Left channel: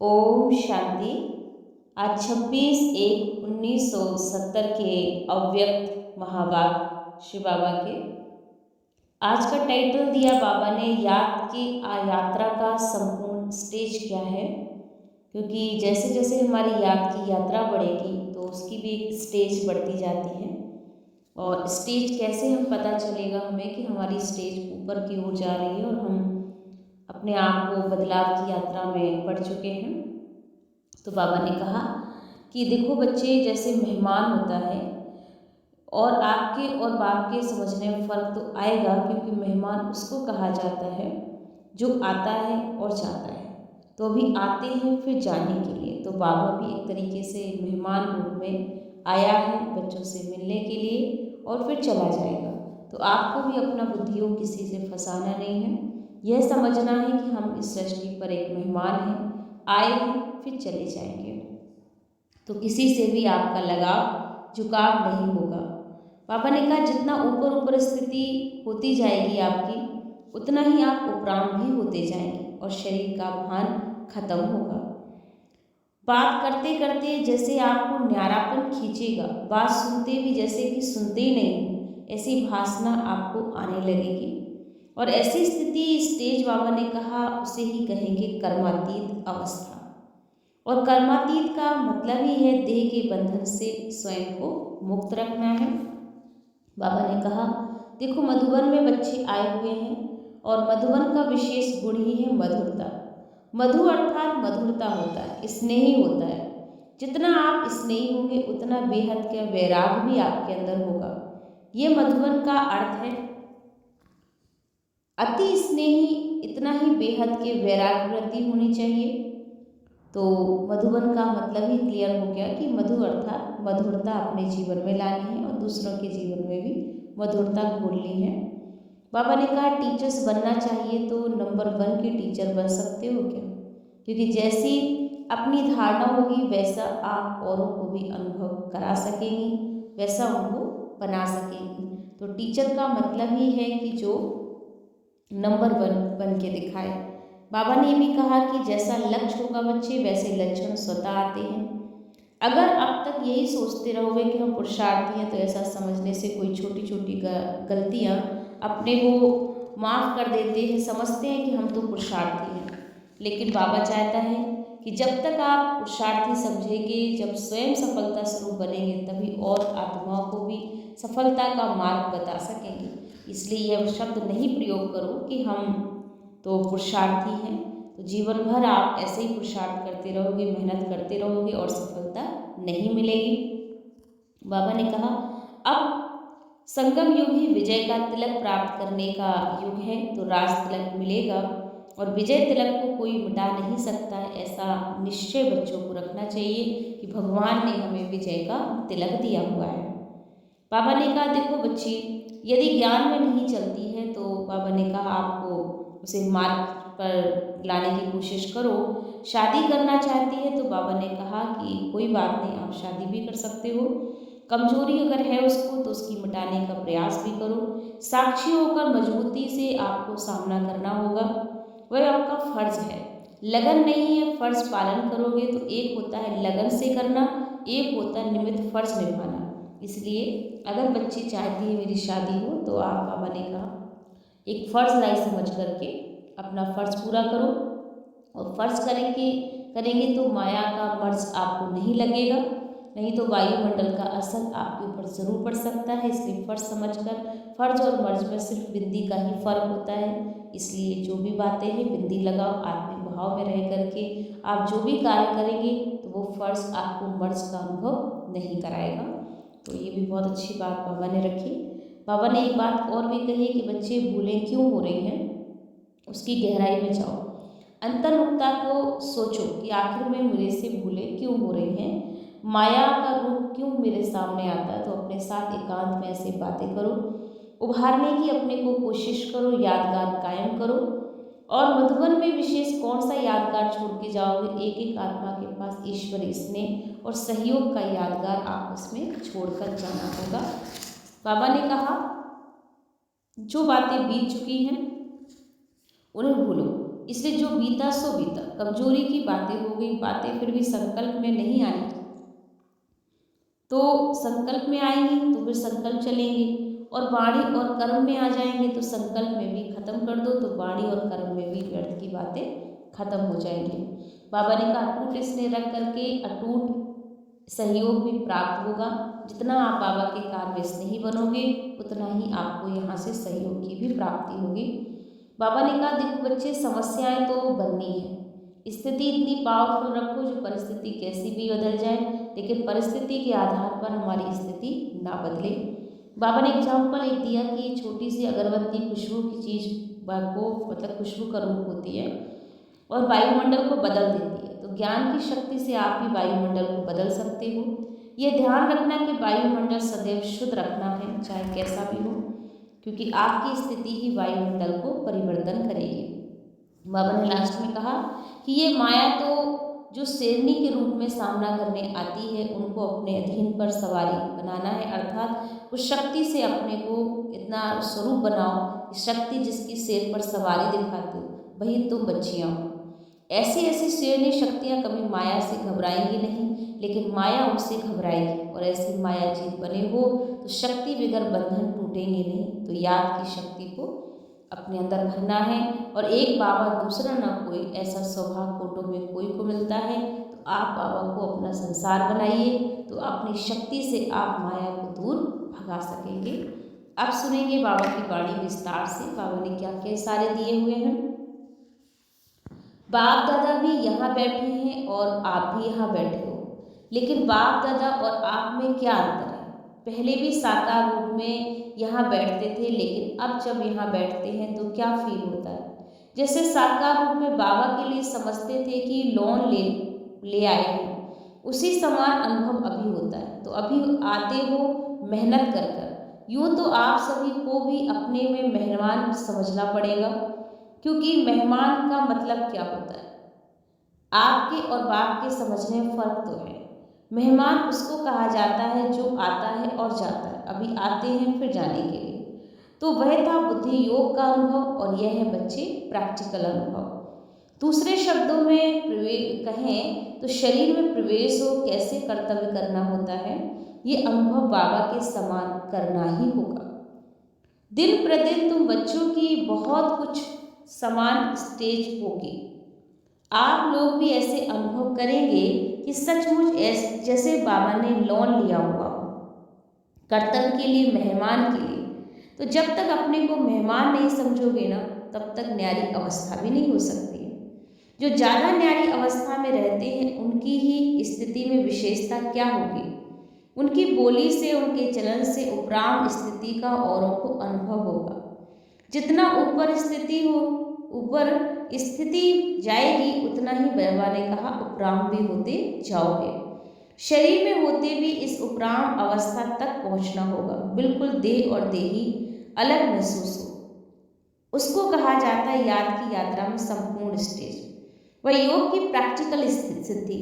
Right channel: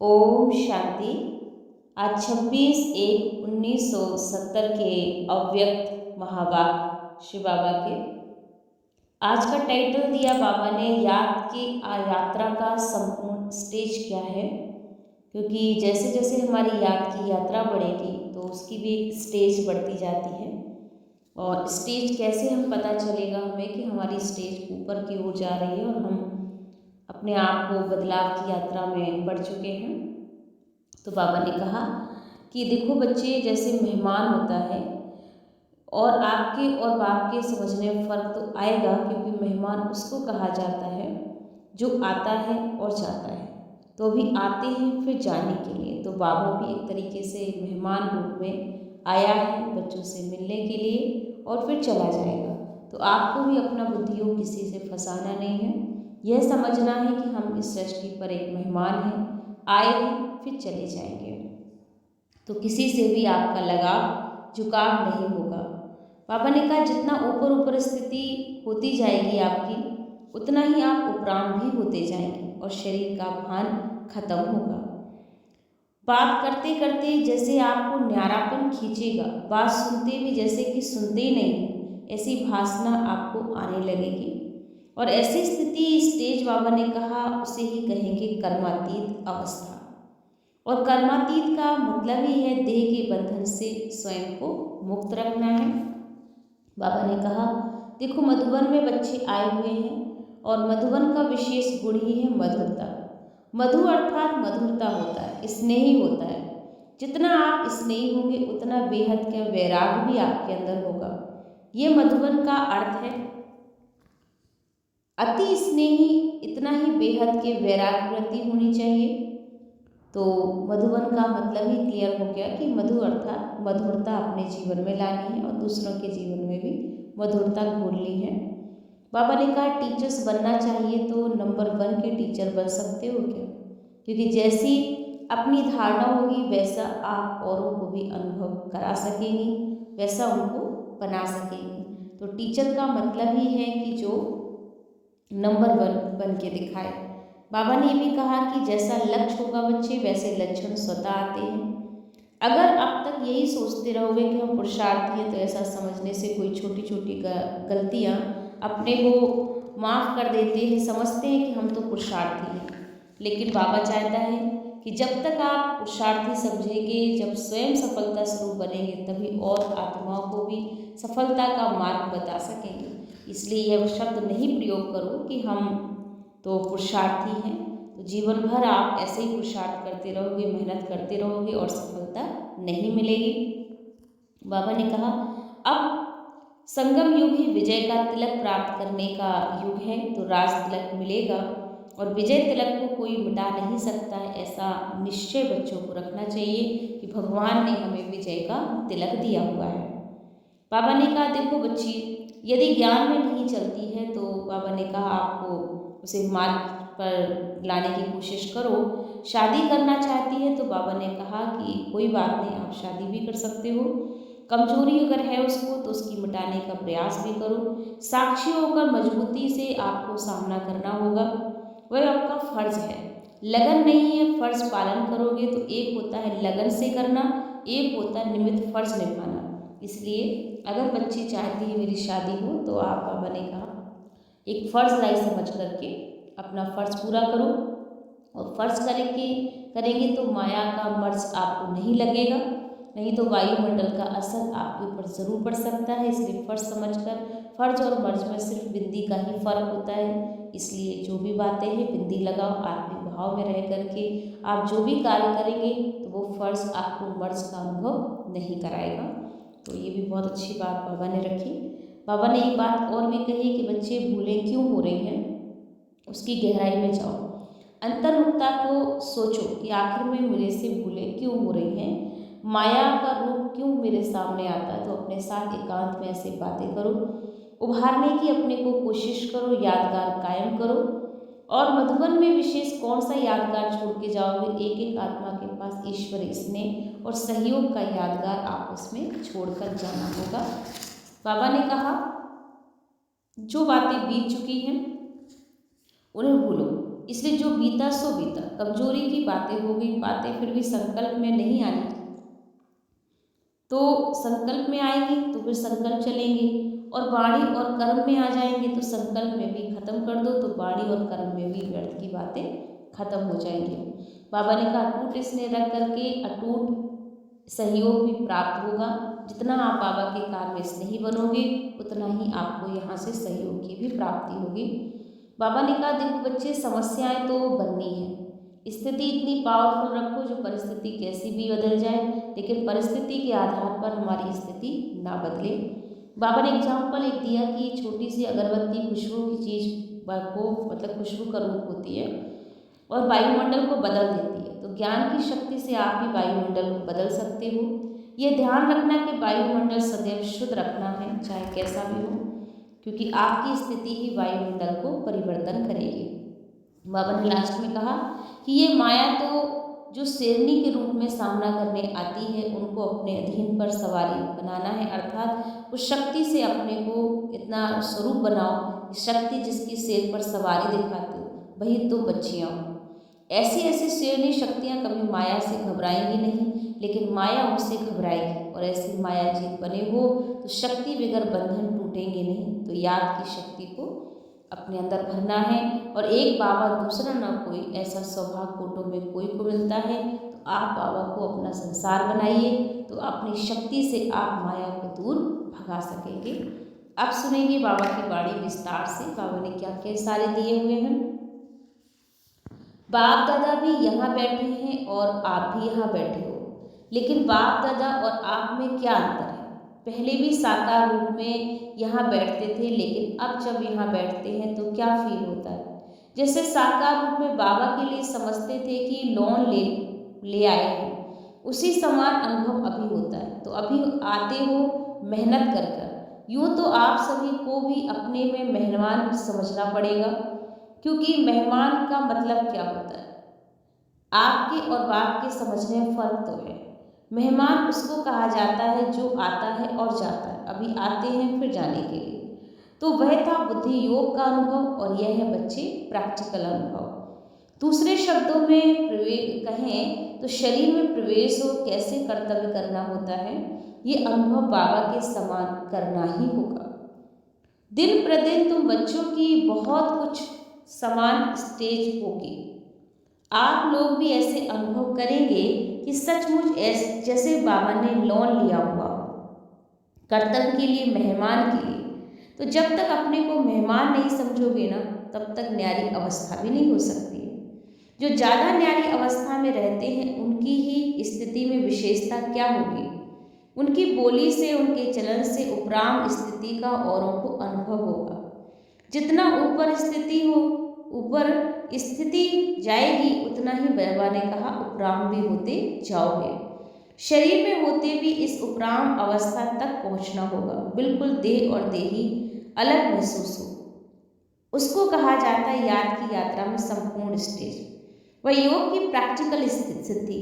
ओम शांति। आज 26/1/1970 के अव्यक्त महावाक्य शिव बाबा के। आज का टाइटल दिया बाबा ने, याद की यात्रा का संपूर्ण स्टेज क्या है। क्योंकि जैसे जैसे हमारी याद की यात्रा बढ़ेगी तो उसकी भी एक स्टेज बढ़ती जाती है। और स्टेज कैसे हम पता चलेगा हमें कि हमारी स्टेज ऊपर की ओर जा रही है और हम अपने आप को बदलाव की यात्रा में बढ़ चुके हैं। तो बाबा ने कहा कि देखो बच्चे, जैसे मेहमान होता है और आपके और बाप के समझने में फ़र्क तो आएगा, क्योंकि मेहमान उसको कहा जाता है जो आता है और जाता है। तो अभी आते हैं फिर जाने के लिए। तो बाबा भी एक तरीके से मेहमान रूप में आया है बच्चों से मिलने के लिए और फिर चला जाएगा। तो आपको भी अपना बुद्धियों किसी से फंसाना नहीं है। यह समझना है कि हम इस सृष्टि पर एक मेहमान हैं, आए हैं फिर चले जाएंगे। तो किसी से भी आपका लगाव झुकाव नहीं होगा। बाबा ने कहा जितना ऊपर ऊपर स्थिति होती जाएगी आपकी, उतना ही आप उपराम भी होते जाएंगे और शरीर का भान खत्म होगा। बात करते करते जैसे आपको न्यारापन खींचेगा, बात सुनते भी जैसे कि सुनते ही नहीं, ऐसी भासना आपको आने लगेगी। और ऐसी स्थिति, स्टेज बाबा ने कहा, उसे ही कहेंगे कर्मातीत अवस्था। और कर्मातीत का मतलब ही है देह के बंधन से स्वयं को मुक्त रखना है। बाबा ने कहा देखो, मधुबन में बच्चे आए हुए हैं और मधुबन का विशेष गुण ही है मधुरता। मधु अर्थात मधुरता होता है, स्नेही होता है। जितना आप स्नेही होंगे उतना बेहद का वैराग भी आपके अंदर होगा। ये मधुबन का अर्थ है। अति स्नेही, इतना ही बेहद के वैराग वृत्ति होनी चाहिए। तो मधुबन का मतलब ही क्लियर हो गया कि मधु अर्थात मधुरता अपने जीवन में लानी है और दूसरों के जीवन में भी मधुरता घोलनी है। बाबा ने कहा टीचर्स बनना चाहिए तो नंबर 1 के टीचर बन सकते हो क्या? क्योंकि जैसी अपनी धारणा होगी वैसा आप औरों को भी अनुभव करा सकेंगी, वैसा उनको बना सकेंगी। तो टीचर का मतलब ही है कि जो नंबर 1 बन के दिखाए। बाबा ने भी कहा कि जैसा लक्ष्य होगा बच्चे, वैसे लक्षण स्वतः आते हैं। अगर अब तक यही सोचते रहोगे कि हम पुरुषार्थी हैं, तो ऐसा समझने से कोई छोटी छोटी गलतियाँ अपने को माफ़ कर देते हैं, समझते हैं कि हम तो पुरुषार्थी हैं। लेकिन बाबा चाहता है कि जब तक आप पुरुषार्थी समझेंगे, जब स्वयं सफलता स्वरूप बनेंगे, तभी और आत्माओं को भी सफलता का मार्ग बता सकेंगे। इसलिए यह शब्द नहीं प्रयोग करो कि हम तो पुरुषार्थी हैं। तो जीवन भर आप ऐसे ही पुरुषार्थ करते रहोगे, मेहनत करते रहोगे और सफलता नहीं मिलेगी। बाबा ने कहा अब संगम युग ही विजय का तिलक प्राप्त करने का युग है। तो राज तिलक मिलेगा और विजय तिलक को कोई मिटा नहीं सकता है। ऐसा निश्चय बच्चों को रखना चाहिए कि भगवान ने हमें विजय का तिलक दिया हुआ है। बाबा ने कहा देखो बच्ची, यदि ज्ञान में नहीं चलती है तो बाबा ने कहा आपको उसे मार्ग पर लाने की कोशिश करो। शादी करना चाहती है तो बाबा ने कहा कि कोई बात नहीं, आप शादी भी कर सकते हो। कमजोरी अगर है उसको तो उसकी मिटाने का प्रयास भी करो। साक्षी होकर मजबूती से आपको सामना करना होगा, वह आपका फर्ज है। लगन नहीं है, फर्ज पालन करोगे। तो एक होता है लगन से करना, एक होता है निमित्त फर्ज निभाना। इसलिए अगर बच्ची चाहती है मेरी शादी हो, तो आप बाबा ने कहा एक फ़र्ज़ लाई समझ करके अपना फ़र्ज़ पूरा करो। और फ़र्ज़ करेंगे तो माया का मर्ज़ आपको नहीं लगेगा, नहीं तो वायुमंडल का असर आपके ऊपर ज़रूर पड़ सकता है। इसलिए फ़र्ज़ समझकर, फ़र्ज़ और मर्ज़ में सिर्फ बिंदी का ही फ़र्क होता है। इसलिए जो भी बातें हैं बिंदी लगाओ, आत्मिक भाव में रह करके आप जो भी कार्य करेंगे तो वो फ़र्ज़ आपको मर्ज़ का अनुभव नहीं कराएगा। तो ये भी बहुत अच्छी बात बाबा ने रखी। बाबा ने एक बात और भी कही कि बच्चे भूलें क्यों हो रही हैं, उसकी गहराई में जाओ, अंतर्मुखता को सोचो कि आखिर में मेरे से भूलें क्यों हो रही हैं, माया का रूप क्यों मेरे सामने आता है। तो अपने साथ एकांत में ऐसे बातें करो, उभारने की अपने को कोशिश करो, यादगार कायम करो। और मधुबन में विशेष कौन सा यादगार छोड़ के जाओगे? एक एक आत्मा के पास ईश्वरीय स्नेह और सहयोग का यादगार आपस में छोड़कर जाना होगा। बाबा ने कहा जो बातें बीत चुकी हैं उन्हें भूलो, इसलिए जो बीता सो बीता, कमजोरी की बातें हो गई, बातें फिर भी संकल्प में नहीं आनी, तो संकल्प में आएंगे तो फिर संकल्प चलेंगे, और वाणी और कर्म में आ जाएंगे तो संकल्प में भी खत्म कर दो तो वाणी और कर्म में भी व्यर्थ की बातें खत्म हो जाएंगी। बाबा ने कहा अटूट स्नेह रख करके अटूट सहयोग भी प्राप्त होगा। जितना आप बाबा के कार्य में स्नेही बनोगे उतना ही आपको यहाँ से सहयोग की भी प्राप्ति होगी। बाबा ने कहा देखो बच्चे, समस्याएं तो बननी है, स्थिति इतनी पावरफुल रखो जो परिस्थिति कैसी भी बदल जाए, लेकिन परिस्थिति के आधार पर हमारी स्थिति ना बदले। बाबा ने एग्जाम्पल एक दिया कि छोटी सी अगरबत्ती खुशबू की चीज़ को मतलब खुशबू का रूप होती है और वायुमंडल को बदल देती है। तो ज्ञान की शक्ति से आप भी वायुमंडल को बदल सकते हो। ये ध्यान रखना कि वायुमंडल सदैव शुद्ध रखना है, चाहे कैसा भी हो, क्योंकि आपकी स्थिति ही वायुमंडल को परिवर्तन करेगी। बाबा ने लास्ट में कहा कि ये माया तो जो शेरनी के रूप में सामना करने आती है उनको अपने अधीन पर सवारी बनाना है, अर्थात उस शक्ति से अपने को इतना स्वरूप बनाओ, शक्ति जिसकी शेर पर सवारी दिखाते हो वही तुम बच्चियाँ हो। ऐसी ऐसी शेरनी शक्तियाँ कभी माया से घबराएंगी नहीं, लेकिन माया उनसे घबराएगी, और ऐसी माया जीत बने हो तो शक्ति बगैर बंधन टूटेंगे नहीं। तो याद की शक्ति को अपने अंदर भरना है, और एक बाबा दूसरा ना कोई, ऐसा सौभाग्य कोटों में कोई को मिलता है। तो आप बाबा को अपना संसार बनाइए, तो अपनी शक्ति से आप माया को दूर भगा सकेंगे। अब सुनेंगे बाबा की वाणी विस्तार से, बाबा ने क्या क्या इशारे दिए हुए हैं। बाप दादा भी यहाँ बैठे हैं और आप भी यहाँ बैठे हो, लेकिन बाप दादा और आप में क्या अंतर है। पहले भी साकार रूप में यहाँ बैठते थे, लेकिन अब जब यहाँ बैठते हैं तो क्या फील होता है। जैसे साकार रूप में बाबा के लिए समझते थे कि लोन ले आए हैं, उसी समान अनुभव अभी होता है। तो अभी आते हो मेहनत कर कर, यूँ तो आप सभी को भी अपने में मेहमान समझना पड़ेगा, क्योंकि मेहमान का मतलब क्या होता है। आपके और बाप के समझने में फ़र्क तो है। मेहमान उसको कहा जाता है जो आता है और जाता है, अभी आते हैं फिर जाने के लिए। तो वह था बुद्धि योग का अनुभव, और यह है बच्चे प्रैक्टिकल अनुभव। दूसरे शब्दों में कहें तो शरीर में प्रवेश हो कैसे कर्तव्य करना होता है, ये अनुभव बाबा के समान करना ही होगा। दिन प्रतिदिन तुम बच्चों की बहुत कुछ समान स्टेज होगी। आप लोग भी ऐसे अनुभव करेंगे कि सचमुच जैसे बाबा ने लोन लिया हुआ हो कर्तव्य के लिए, मेहमान के लिए। तो जब तक अपने को मेहमान नहीं समझोगे ना, तब तक न्यारी अवस्था भी नहीं हो सकती है। जो ज़्यादा न्यारी अवस्था में रहते हैं उनकी ही स्थिति में विशेषता क्या होगी, उनकी बोली से, उनके चलन से उपराम स्थिति का औरों को अनुभव होगा। जितना ऊपर स्थिति हो, ऊपर स्थिति जाएगी, उतना ही बाबा ने कहा उपराम भी होते जाओगे। शरीर में होते भी इस उपराम अवस्था तक पहुंचना होगा, बिल्कुल देह और देही अलग महसूस हो। उसको कहा जाता है याद की यात्रा में संपूर्ण स्टेज। वह योग की प्रैक्टिकल सिद्धि।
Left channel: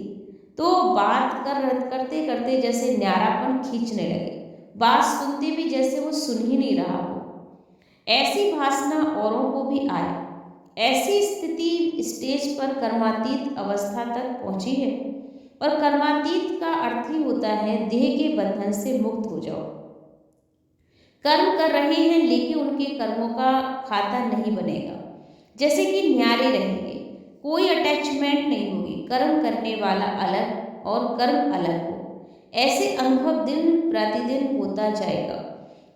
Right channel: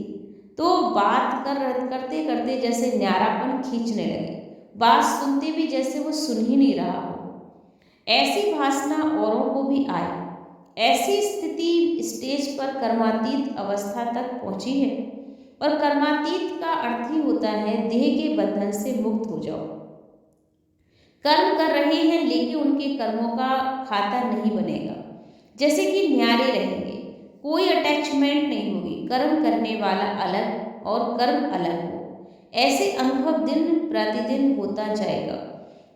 तो बात करते करते जैसे न्यारापन खींचने लगे, बात सुनते भी जैसे वो सुन ही नहीं रहा हो, ऐसी भासना औरों को भी आए। ऐसी स्थिति स्टेज पर कर्मातीत अवस्था तक पहुंची है, और कर्मातीत का अर्थ ही होता है देह के बंधन से मुक्त हो जाओ। कर्म कर रहे हैं लेकिन उनके कर्मों का खाता नहीं बनेगा, जैसे कि न्यारे रहेंगे, कोई अटैचमेंट नहीं होगी, कर्म करने वाला अलग और कर्म अलग हो। ऐसे अनुभव दिन प्रतिदिन होता जाएगा,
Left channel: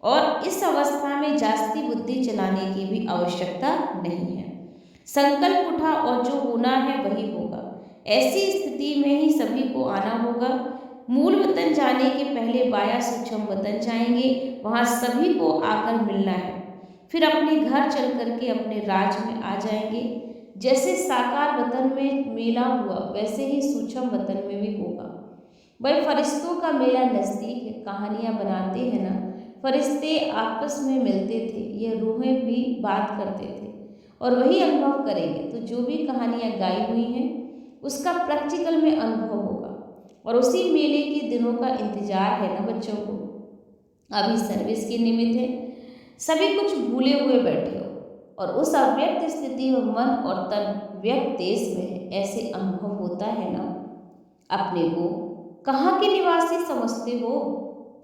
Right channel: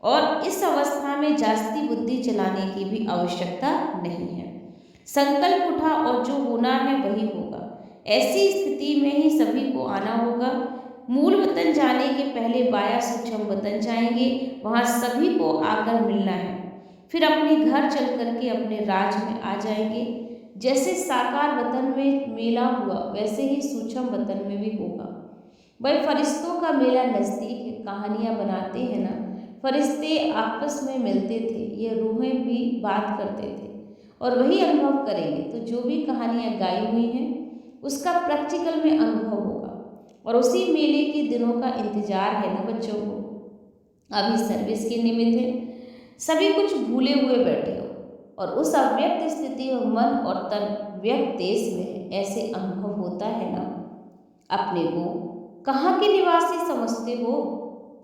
और इस अवस्था में जास्ती बुद्धि चलाने की भी आवश्यकता नहीं है। संकल्प उठा और जो होना है वही होगा। ऐसी स्थिति में ही सभी को आना होगा। मूल वतन जाने के पहले बाया सूक्ष्म वतन जाएंगे, वहाँ सभी को आकर मिलना है। फिर अपने घर चल करके अपने राज में आ जाएंगे। जैसे साकार वतन में मेला हुआ, वैसे ही सूक्ष्म वतन में भी होगा। भाई फरिश्तों का मेला नज़दीक है, कहानियाँ बनाते हैं ना, फरिश्ते आपस में मिलते थे, ये रूहें भी बात करते थे, और वही अनुभव करेंगे। तो जो भी कहानियाँ गाई हुई हैं उसका प्रैक्टिकल में अनुभव होगा, और उसी मेले के दिनों का इंतजार है ना बच्चों को। अभी सर्विस के निमित्त है, सभी कुछ भूले हुए बैठे हो, और उस अव्यक्त स्थिति में मन और तन व्यक्त देश में है। ऐसे अनुभव होता है ना, अपने को कहाँ के निवासी समझते हो?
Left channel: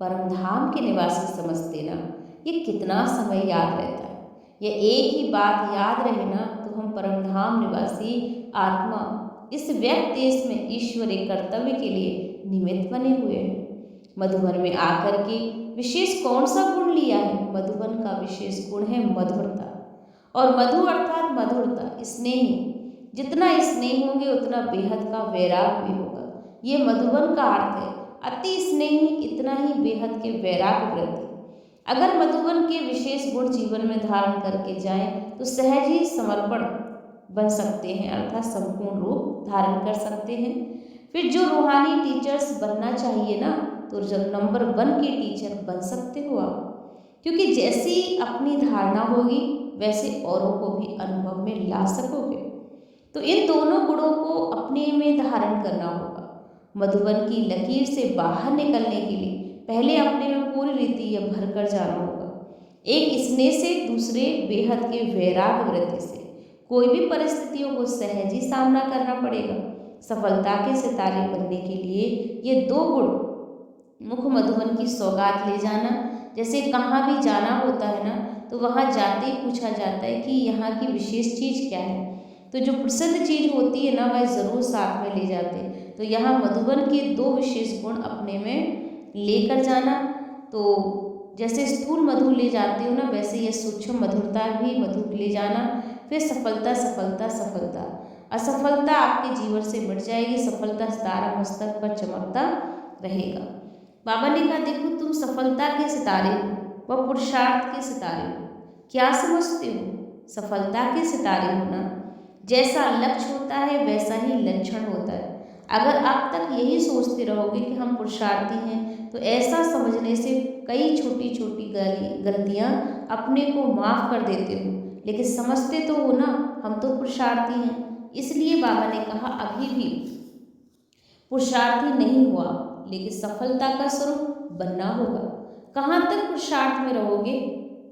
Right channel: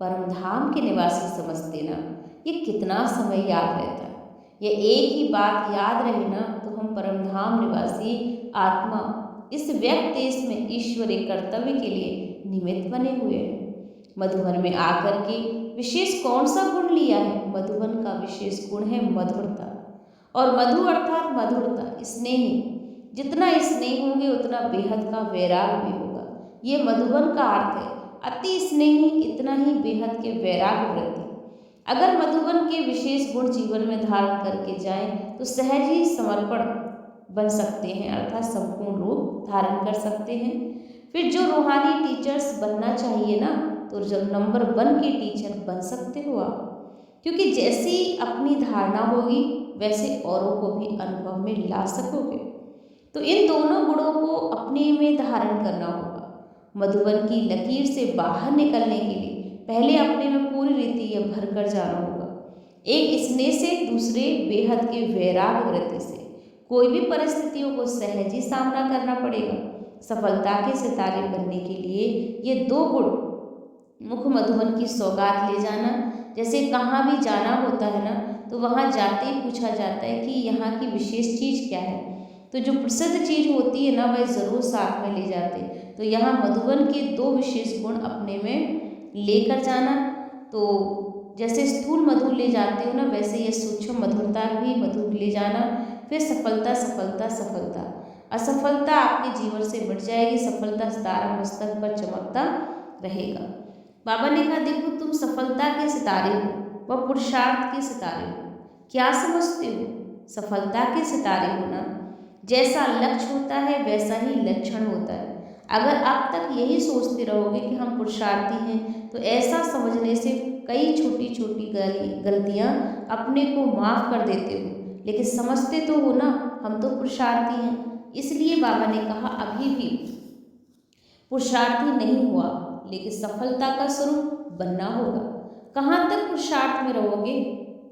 परमधाम के निवासी समझते ना। ये कितना समय याद रहता है। ये एक ही बात याद रहे ना तो हम परमधाम निवासी आत्मा इस व्यक्त देश में ईश्वरीय कर्तव्य के लिए निमित्त बने हुए हैं। मधुबन में आकर के विशेष कौन सा गुण लिया है? मधुबन का विशेष गुण है मधुरता। और मधु अर्थात मधुरता, स्नेही। जितना स्नेह होंगे उतना बेहद का वैराग भी होगा। ये मधुबन का अर्थ है। अति स्नेही इतना ही बेहद के वैराग वृद्धि। अगर मधुबन के विशेष गुण जीवन में धारण करके जाएं तो सहज ही समर्पण बन सकते हैं, अर्थात संपूर्ण रूप धारण कर सकते हैं। फिर जो रूहानी टीचर्स बनना चाहिए ना, तो जो नंबर 1 के टीचर बन सकते हो आप, क्योंकि जैसी अपनी धारणा होगी वैसे औरों को भी अनुभव में ला सकोगे। तो इन दोनों गुणों को अपने में धारण करना होगा। मधुबन की लकीर से बाहर निकलने के लिए पहले अपने में पूरी रीति यह भर कर जाना होगा। एक स्नेह से, दूसरे बेहद के वैराग वृत्ति से कोई भी परिस्थितियों को सहज ही सामना करना पड़ेगा। सफलता के सितारे बनने के लिए ये 2 गुण मुख मधुबन की सौगात ले जाना। जैसे कहाँ भी जाना होता है ना, तो वहाँ जाते ही पूछा जाता है कि यहाँ की विशेष चीज़ क्या है, तो जो प्रसिद्ध चीज़ होती है ना वह ज़रूर साथ में ले जाते। तो यहाँ मधुबन के 2 विशेष गुण अपने में लेकर जाना। तो जैसे स्थूल मधु ले जाते हो ना, वैसे ये सूक्ष्म मधुरता भी मधु ले जाना। फिर सफलता सफलता सफलता, असफलता आपके जीवन से मिट जाएगी। सफलता सितारा मस्तक पर चमकता रहेगा। बाबा ने कहा, देखो तुम सफलता के सितारे हो, वह पुरुषार्थ के सितारे हो। क्या समझते हो? सफलता के सितारे हो ना। जैसा लक्ष्य होता है वैसा ही लक्षण होता है। अगर अब तक यही सोचते रहोगे कि हम पुरुषार्थी हैं, तो ऐसा समझने से कई छोटी छोटी गलतियाँ अपने को माफ़ कर देते हो, लेकिन समझते तो हो ना हम तो पुरुषार्थी हैं। इसलिए बाबा ने कहा अभी भी पुरुषार्थी नहीं हो आप, लेकिन सफलता का स्वरूप बनना होगा। कहाँ तक पुरुषार्थ में रहोगे?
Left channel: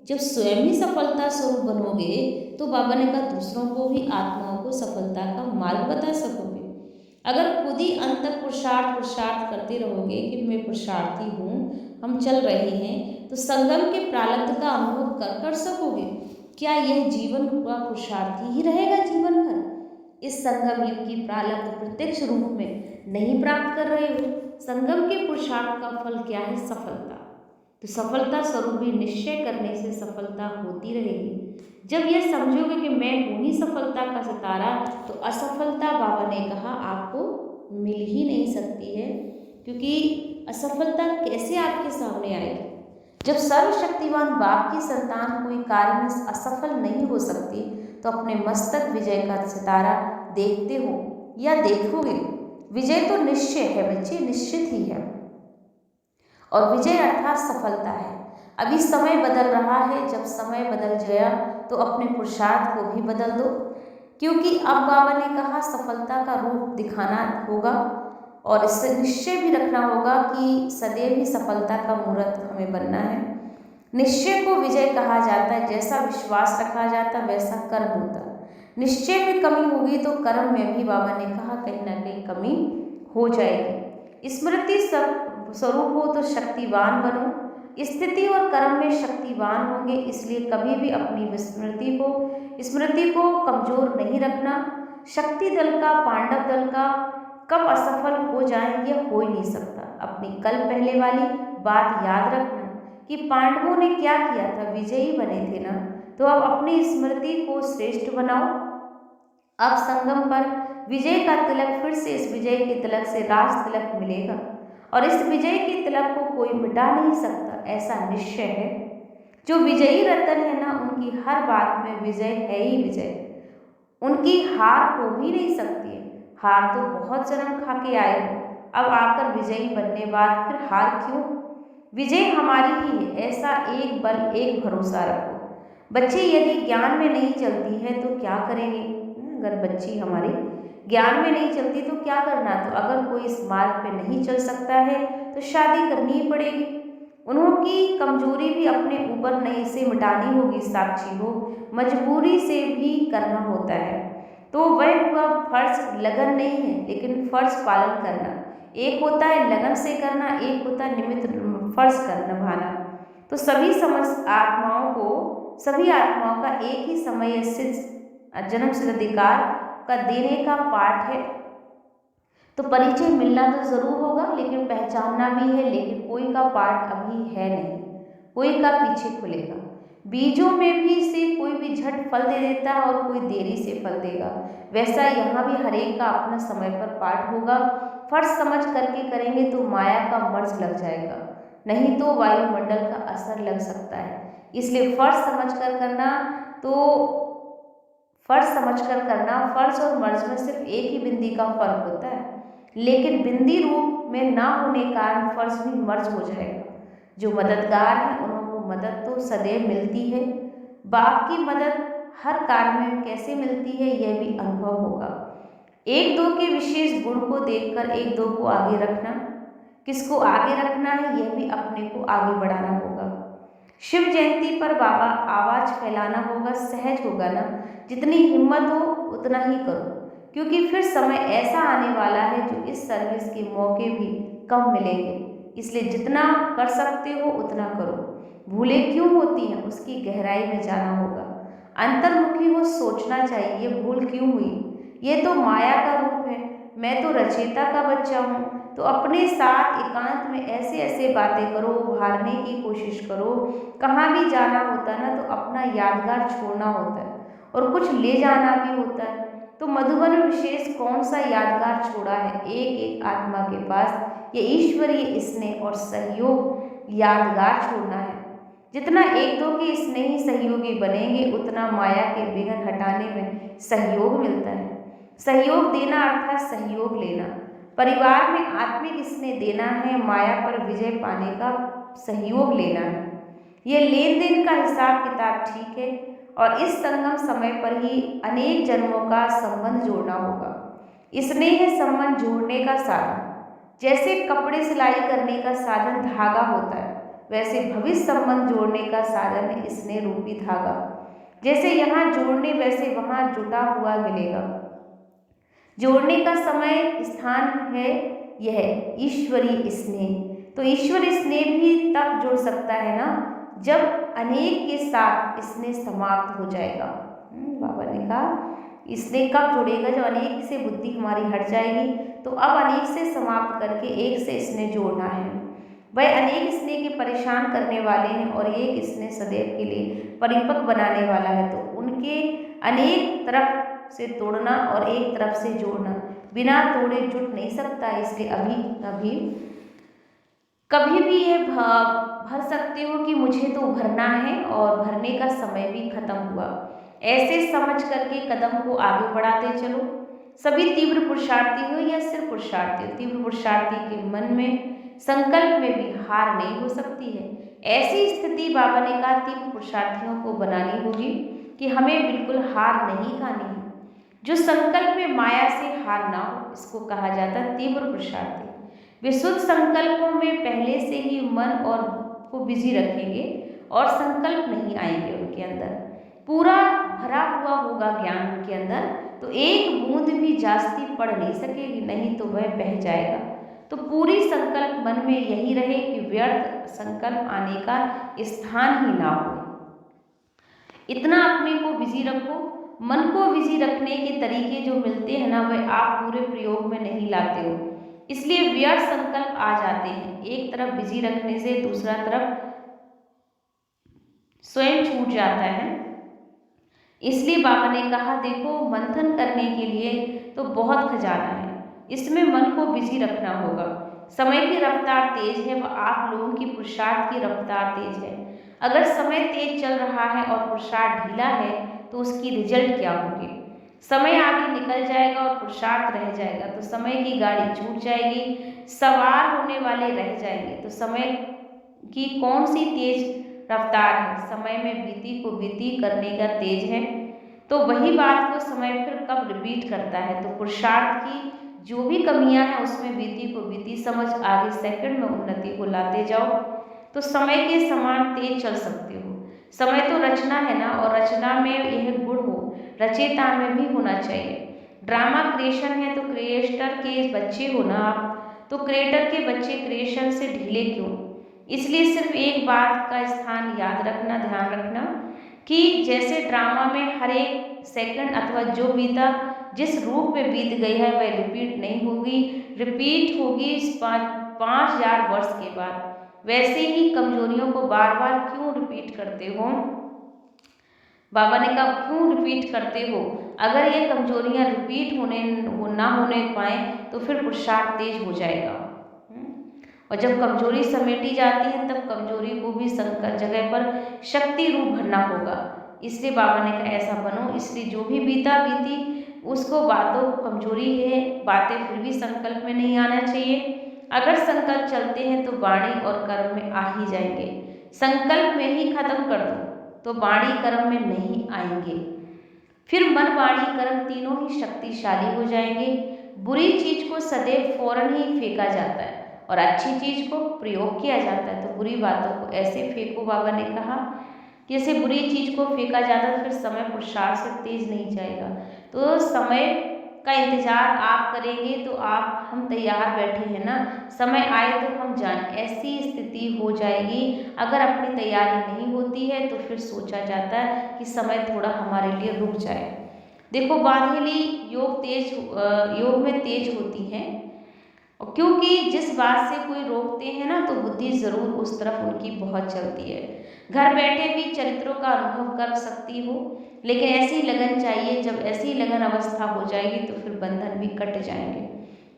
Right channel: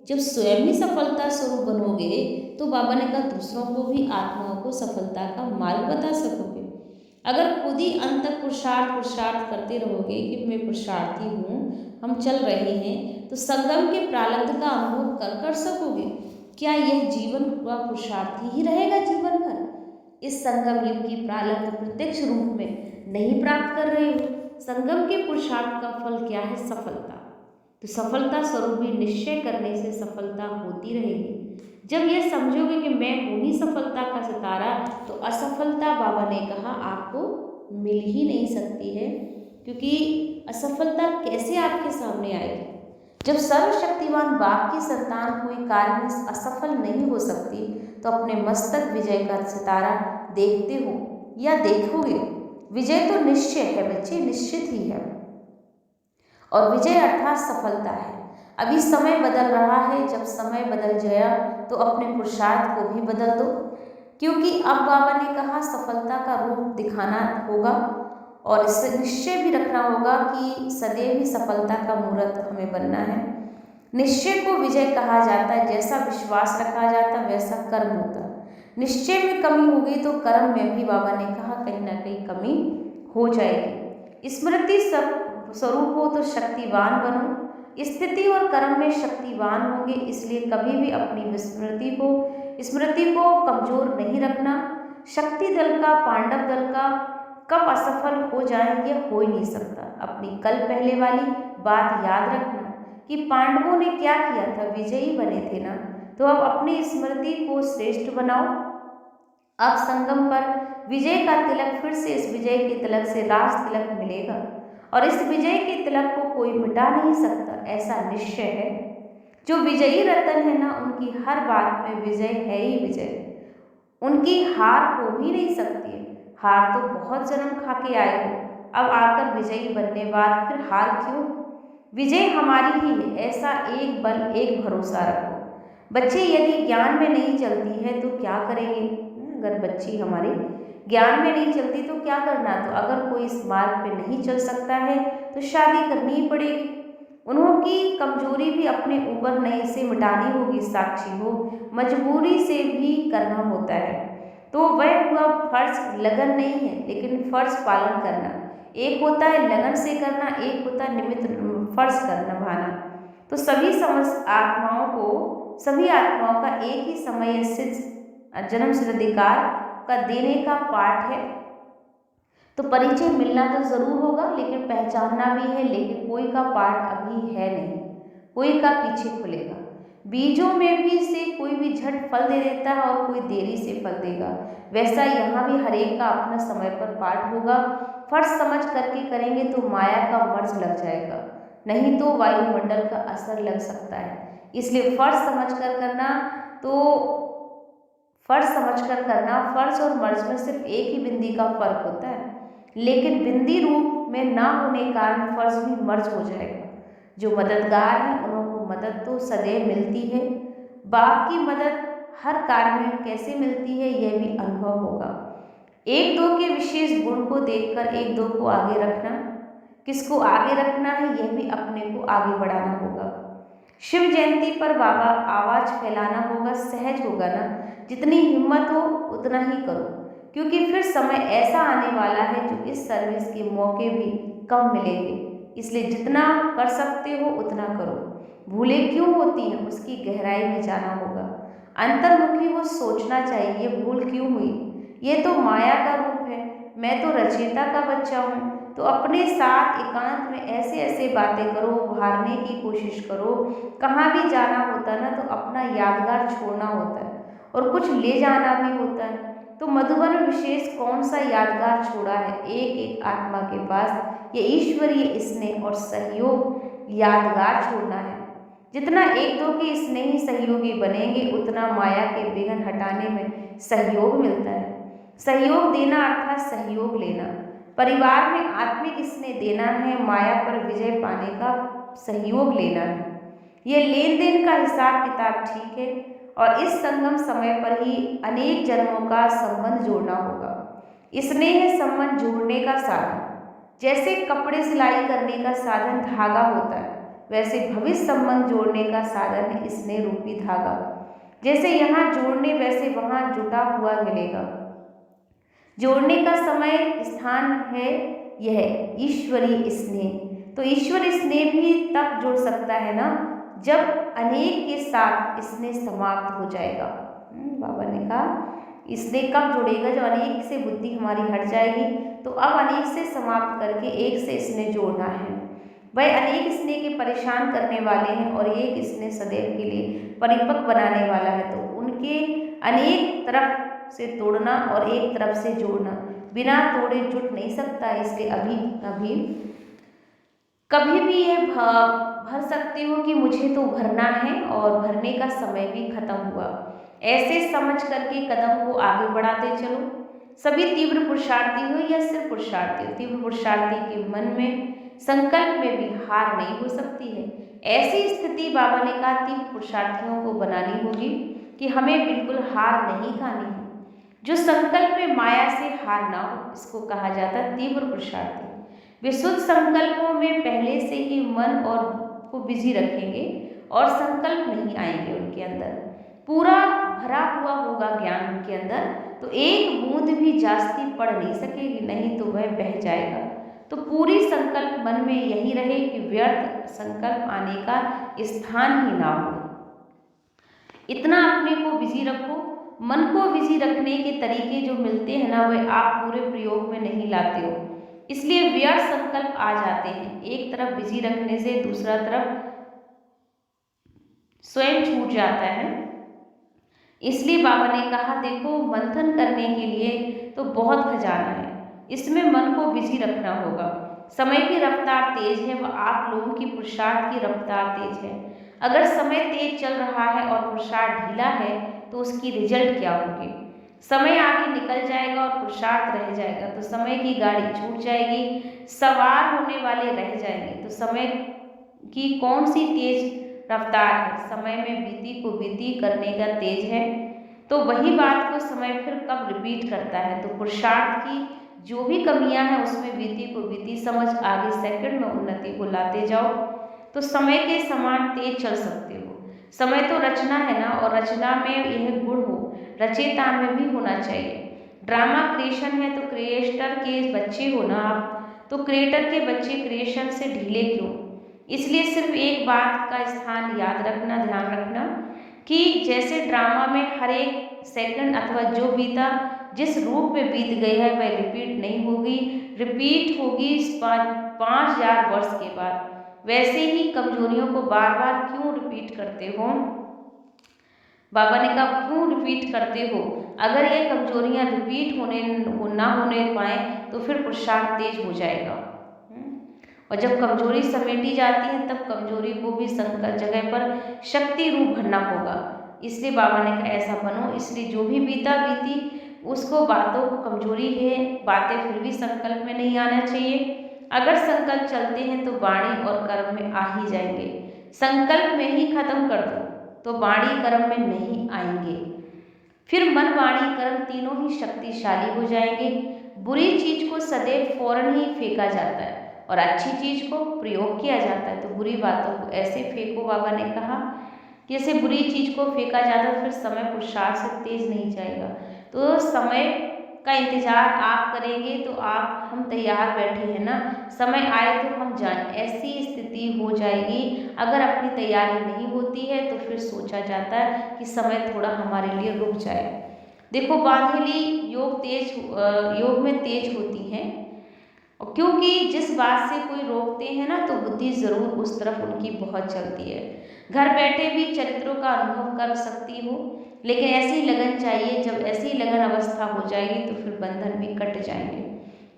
जब स्वयं ही सफलता स्वरूप बनोगे तो बाबा ने कहा दूसरों को भी, आत्माओं को सफलता का मार्ग बता सकोगे। अगर खुद ही अंत तक पुरुषार्थ करते रहोगे कि मैं पुरुषार्थी हूँ, हम चल रहे हैं, तो संगम के प्रारब्ध का अनुभव कर सकोगे? क्या यह जीवन का पुरुषार्थी ही रहेगा जीवन भर? इस संगम युग की प्रारब्ध प्रत्यक्ष रूप में नहीं प्राप्त कर रहे हो। संगम के पुरुषार्थ का फल क्या है? सफलता। तो सफलता स्वरूप भी निश्चय करने से सफलता होती रहेगी। जब यह समझोगे कि मैं हूँ ही सफलता का सितारा, तो असफलता बाबा ने कहा आपको मिल ही नहीं सकती है। क्योंकि असफलता कैसे आपके सामने आएगी? जब सर्वशक्तिमान बाप की संतान कोई कार्य में असफल नहीं हो सकती, तो अपने मस्तक विजय का सितारा देखते हो या देखोगे। विजय तो निश्चय है बच्चे, निश्चित ही है। और विजय अर्थात सफलता है। अभी समय बदल रहा है, जब समय बदल गया तो अपने पुरुषार्थ को भी बदल दो। क्योंकि अब बाबा ने कहा सफलता का रूप दिखाना होगा, और इससे निश्चय भी रखना होगा कि सदैव ही सफलता का मूर्त हमें बनना है। निश्चय को विजय कहा जाता है। जैसा विश्वास रखा जाता है वैसा कर्म होता है। निश्चय में कमी होगी तो कर्म में भी बाबा ने कहा कहीं ना कहीं कमी हो जाएगी। स्मृति स्वरूप हो तो शक्तिवान बनो। स्थिति और कर्म में शक्तिवान होंगे, इसलिए कभी भी अपनी स्मृति को कमजोर नहीं रखना। शक्ति दल का, पांडव दल का कब असफल हो जाए यह हो ही नहीं सकता। अपनी कल पहले वाली बात याद रखना कि पांडवों ने क्या किया था, विजयी बने थे ना। तो अब अपनी स्मृति को श्रेष्ठ बनाओ। अब संगम पर विजय का तिलक, फिर से इस विजय के तिलक से राज तिलक मिलेगा, और इस विजय के तिलक को कोई मिटा नहीं सकता, ऐसा निश्चय है। जो विजयी रतन है ना, उनकी हर बात में विजय है ही विजय। उनकी हार हो ही नहीं सकती है। हार तो बहुत जन्म खा के आए हो, अब आकर विजयी बनने बाद फिर हार क्यों? विजय हमारी ही है, ऐसा एक बल एक भरोसा रखो। बच्चे यदि ज्ञान में नहीं चलती है तो क्या करेंगे? अगर बच्ची हमारी ज्ञान में नहीं चलती तो क्या करना? तो अगर कोई इस मार्ग पे नहीं चल सकता है तो शादी करनी ही पड़ेगी। उन्होंने कमजोरी भी अपने ऊपर नहीं से मिटानी होगी साक्षी हो, मजबूरी से भी करना होता है। तो वह हुआ फर्ज, लगन नहीं है लेकिन फर्ज पालन करना। एक होता है लगन से करना, एक होता है निमित्त फर्ज कर निभाना। तो सभी आत्माओं का एक ही समय सिद्ध जन्म सिद्ध अधिकार का देने का पाठ है। तो परिचय मिलना तो जरूर होगा लेकिन पहचानना भी है, लेकिन कोई का पाठ अभी है नहीं, कोई का पीछे खुलेगा। बीजों में भी से कोई भी झट फल दे देता है और कोई देरी से फल देगा। वैसा यहाँ भी हर एक का अपना समय पर पाठ होगा। फर्ज समझ करके करेंगे तो माया का मर्ज लग जाएगा, नहीं तो वायुमंडल का असर लग सकता है। इसलिए फर्ज समझकर करना, तो फर्ज और मर्ज में सिर्फ एक ही बिंदी का फर्क होता है, लेकिन बिंदी रूप में ना होने कारण फर्ज भी मर्ज हो जाएगा। जो मददगार हैं उनको मदद तो सदैव मिलती है। बाप की मदद हर कार्य में कैसे मिलती है यह भी अनुभव होगा। एक दो के विशेष गुण को देखकर एक दो को आगे रखना, किसको आगे रखना है यह भी अपने को आगे बढ़ाना होगा। शिव जयंती पर बाबा आवाज फैलाना होगा, सहज होगा ना, जितनी हिम्मत हो उतना ही करो, क्योंकि फिर समय ऐसा आने वाला है जो इस सर्विस के मौके भी कम मिलेंगे। इसलिए जितना कर सकते हो उतना करो। भूलें क्यों होती हैं उसकी गहराई में जाना होगा। अंतर्मुखी हो सोचना चाहिए, ये भूल क्यों हुई, ये तो माया का रूप है, मैं तो रचयिता का बच्चा हूँ। तो अपने साथ एकांत में ऐसे ऐसे बातें करो, उभारने की कोशिश करो। कहाँ भी जाना होता ना तो अपना यादगार छोड़ना होता है और कुछ ले जाना भी होता है। तो मधुबन में विशेष कौन सा यादगार छोड़ा है एक एक आत्मा के पास, ये ईश्वरीय स्नेह और सहयोग यादगार छोड़ना है। जितना एक दो के स्नेही सहयोगी बनेंगे उतना माया के विघ्न हटाने में सहयोग मिलता है। सहयोग देना अर्थात सहयोग लेना। परिवार में आत्मिक स्नेह देना है, माया पर विजय पाने का सहयोग लेना है। यह लेन देन का हिसाब किताब ठीक है और इस संगम समय पर ही अनेक जन्मों का संबंध जोड़ना होगा। स्नेह संबंध जोड़ने का साधन, जैसे कपड़े सिलाई करने का साधन धागा होता है, वैसे भविष्य संबंध जोड़ने का साधन है स्नेह रूपी धागा। जैसे यहाँ जोड़ने वैसे वहाँ जुटा हुआ मिलेगा। जोड़ने का समय स्थान है यह ईश्वरीय स्नेह। तो ईश्वर स्नेह भी तब जुड़ सकता है ना जब अनेक के साथ स्नेह समाप्त हो जाएगा। बाबा ने कहा स्नेह कब जुड़ेगा, जब अनेक से बुद्धि हमारी हट जाएगी। तो अब अनेक से समाप्त करके एक से स्नेह जोड़ना है। वह अनेक स्नेह के परेशान करने वाले हैं और एक स्नेह सदैव के लिए परिपक्व बनाने वाला है। तो उनके अनेक तरफ से तोड़ना और एक तरफ से जोड़ना बिना तोड़े जुट नहीं सकता। इसलिए कभी भी ये भर सकते हो कि मुझे तो भरना है और भरने का समय भी खत्म हुआ। ऐसे समझ करके कदम को आगे बढ़ाते चलो। सभी तीव्र पुरुषार्थी हो या सिर्फ पुरुषार्थी हो, तीव्र पुरुषार्थी के मन में संकल्प में भी हार नहीं हो सकती है। ऐसी स्थिति बाबा ने कहा तीव्र पुरुषार्थियों को बनानी होगी कि हमें बिल्कुल हार नहीं खानी है। जो संकल्प में माया से हार ना हो, इसको कहा जाता है तीव्र पुरुषार्थी। वे शुद्ध संकल्पों में पहले से ही मन और को बिजी रखेंगे और संकल्प नहीं आएंगे उनके अंदर। पूरा भरा हुआ होगा ज्ञान उनके अंदर, तो एक बूंद भी जास्ती पड़ नहीं सकेगी, नहीं तो वह बह जाएगा। तो पूरी संकल्प मन में यही रहे कि व्यर्थ संकल्प आने का स्थान ही ना हो। इतना अपने को बिजी रखो। मन को बिजी रखने के तरीके जो मिलते हैं ना, वह आप पूरे प्रयोग में नहीं लाते हो, इसलिए व्यर्थ संकल्प आ जाते हैं। एक तरफ बिजी रखने से दूसरा तरफ स्वयं छूट जाता है। इसलिए बाबा ने कहा देखो मंथन करने के लिए तो बहुत खजाना है, इसमें मन को बिजी रखना होगा। समय की रफ्तार तेज है व आप लोगों की पुरुषार्थ की रफ्तार तेज है। अगर समय तेज चल रहा है और पुरुषार्थ ढीला है तो उसकी रिजल्ट क्या होगी। समय आगे निकल जाएगा और पुरुषार्थ रह जाएगा तो समय की गाड़ी छूट जाएगी, सवार होने वाले रह जाएंगे। तो समय की कौन सी तेज रफ्तार है, समय में बीती को बीती करने का तेज है। तो वही बात को समय फिर कब रिपीट करता है। तो पुरुषार्थ की जो भी कमियां हैं उसमें बीती को बीती समझ आगे सेकंड में उन्नति को लाते जाओ। तो समय के समान तेज चल सकते हो। समय तो रचना है ना, और रचना में यह गुण हो, रचयिता में भी होना चाहिए। ड्रामा क्रिएशन है तो क्रिएटर के बच्चे हो ना आप, तो क्रिएटर के बच्चे क्रिएशन से ढीले क्यों? इसलिए सिर्फ एक बात का स्थान याद रखना, ध्यान रखना कि जैसे ड्रामा में हर एक सेकंड अथवा जो बीता जिस रूप में बीत गई है वह रिपीट नहीं होगी, रिपीट होगी 5,000 वर्ष के बाद। वैसे ही कमजोरियों को बार बार क्यों रिपीट करते हो? बाबा ने कहा क्यों रिपीट करते हो? अगर ये कमजोरियां रिपीट ना होने पाए तो फिर पुरुषार्थ तेज हो जाएगा। और जब कमजोरी समेटी जाती है तब कमजोरी को भी संकट जगह पर शक्ति रूप भरना होगा। इसलिए बाबा ने कहा ऐसा बनो। इसलिए जो भी बीता बीती उसको, बातों को कमजोरी है, बातें फिर भी संकल्प में नहीं आना चाहिए। अगर संकल्प चलते हैं तो वाणी और कर्म में आ ही जाएंगे। संकल्प में ही खत्म कर दो तो वाणी कर्म में नहीं आएंगे। फिर मन, वाणी, कर्म तीनों ही शक्तिशाली हो जाएंगे। बुरी चीज को सदैव फौरन ही फेंका जाता है और अच्छी चीज को प्रयोग किया जाता है। तो बुरी बातों को ऐसे फेंको, बाबा ने कहा जैसे बुरी चीज को फेंका जाता है, फिर समय पुरुषार्थ से तेज नहीं जाएगा। तो समय का इंतजार आप करेंगे तो हम तैयार बैठे हैं ना, समय आए तो हम जाएं, ऐसी स्थिति हो जाएगी। अगर अपनी तैयारी नहीं होती है तो फिर सोचा जाता है कि समय थोड़ा हमारे लिए रुक जाए। देखो बांधेली योग में तेज होती हैं, और क्योंकि जिस बात से कोई रोकते हैं ना तो बुद्धि जरूर उस तरफ उनकी बहुत चलती है। घर बैठे भी चरित्रों का अनुभव कर सकती हो, लेकिन ऐसी लगन चाहिए। जब ऐसी लगन अवस्था हो जाएगी तो फिर बंधन भी कट जाएंगे।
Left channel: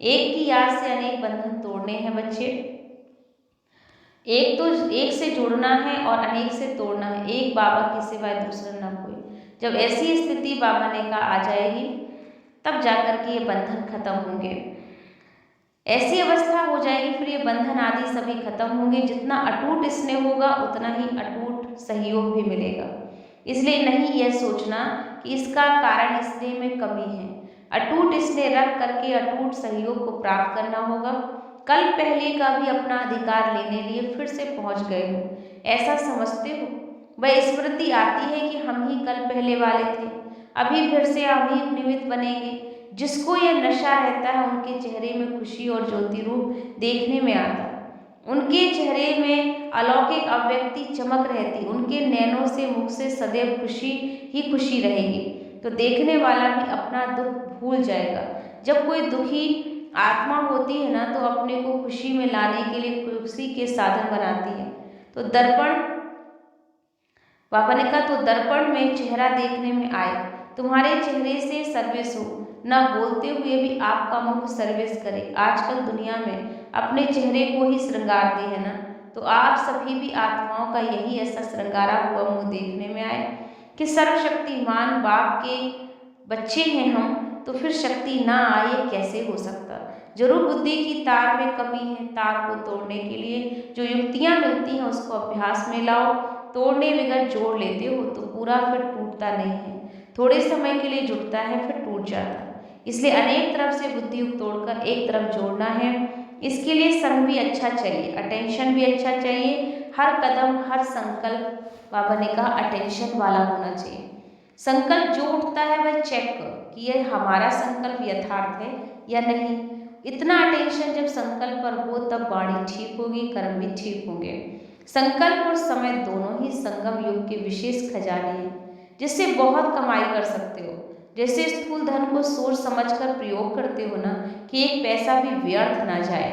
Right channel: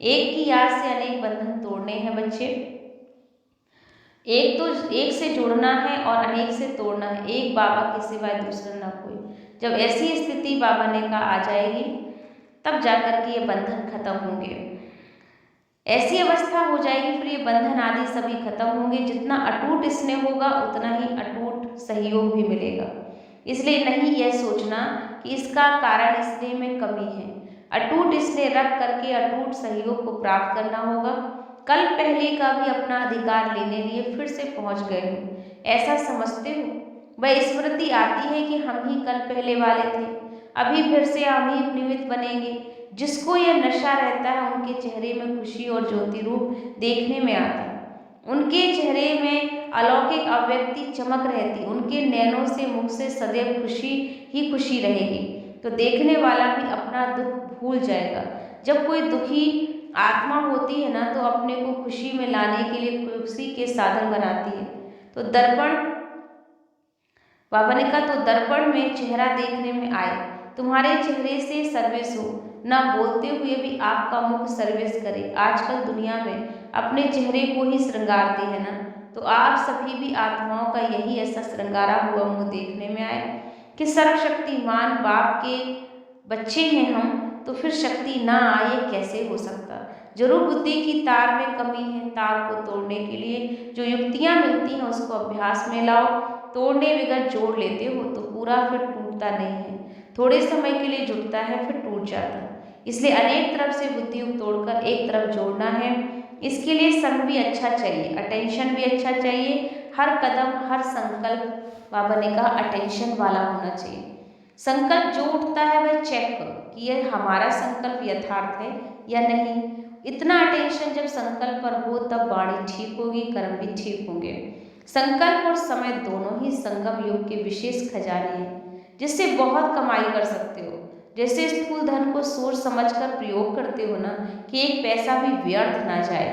एक की याद से अनेक बंधन तोड़ने हैं बच्चे। एक से जुड़ना है और अनेक से तोड़ना है, एक बाबा के सिवाय दूसरा ना कोई। जब ऐसी स्थिति बाबा ने कहा आ जाएगी तब जाकर के ये बंधन खत्म होंगे। ऐसी अवस्था हो जाएगी फिर ये बंधन आदि सभी खत्म होंगे। जितना अटूट स्नेह होगा उतना ही अटूट सहयोग भी मिलेगा। इसलिए नहीं यह सोचना कि इसका कारण स्नेह में कमी है। अटूट स्नेह रख करके अटूट सहयोग को प्राप्त करना होगा। कल पहले का भी अपना अधिकार लेने लिए फिर से पहुंच गए हो, ऐसा समझते हो? वह स्मृति आती है कि हम ही कल पहले वाले थे, अभी फिर से हम ही निमित्त बनेंगे। जिसको यह नशा रहता है उनके चेहरे में खुशी और ज्योति रूप देखने में आता है। उनके चेहरे में अलौकिक अव्यक्ति चमक रहती, उनके नैनों से, मुख से सदैव खुशी ही खुशी रहेगी। तो देखने वाला भी अपना दुख भूल जाएगा। जब कोई दुखी आत्मा होती है ना तो अपने को खुशी में लाने के लिए खुशी के साधन बनाती है। तो दर्पण, बाबा ने कहा तो दर्पण में चेहरा देखने में आए, तुम्हारे चेहरे से सर्विस हो, न बोलते हुए भी आपका मुख सर्विस करे। आजकल दुनिया में अपने चेहरे को ही श्रृंगारते हैं ना, तो आप सभी भी आत्माओं का यही ऐसा श्रृंगारा हुआ मुंह देखने में आए कि सर्वशक्तिमान बाप के बच्चे हैं हम, तो फिर शक्ति ना आए कैसे हो सकता? जरूर बुद्धि की तार में कमी है। तार को तोड़ने के लिए जो युक्तियां मिलती हैं उसको अभ्यास में लाओ। तोड़ने बगैर जोड़ लेते हो तो पूरा फिर टूटता नहीं है, थोड़े समय के लिए जुटता है फिर टूट जाता है। इसलिए अनेक तरफ से बुद्धि तोड़कर एक तरफ जोड़ना है। इसके लिए संग भी अच्छा चाहिए, अटेंशन भी अच्छा चाहिए। हर कदम, हर संकल्प बाबा ने कहा अटेंशन वाला होना चाहिए। संकल्प जो उठता है वह चेक करो कि यह हमारा संकल्प यथार्थ है या नहीं। इतना अटेंशन जब संकल्प पर हो तब वाणी ठीक होगी, कर्म भी ठीक होंगे। संकल्प और समय दोनों ही संगम युग के विशेष खजाने हैं जिससे बहुत कमाई कर सकते हो। जैसे स्थूल धन को सोच समझकर प्रयोग करते हो ना कि एक पैसा भी व्यर्थ ना जाए,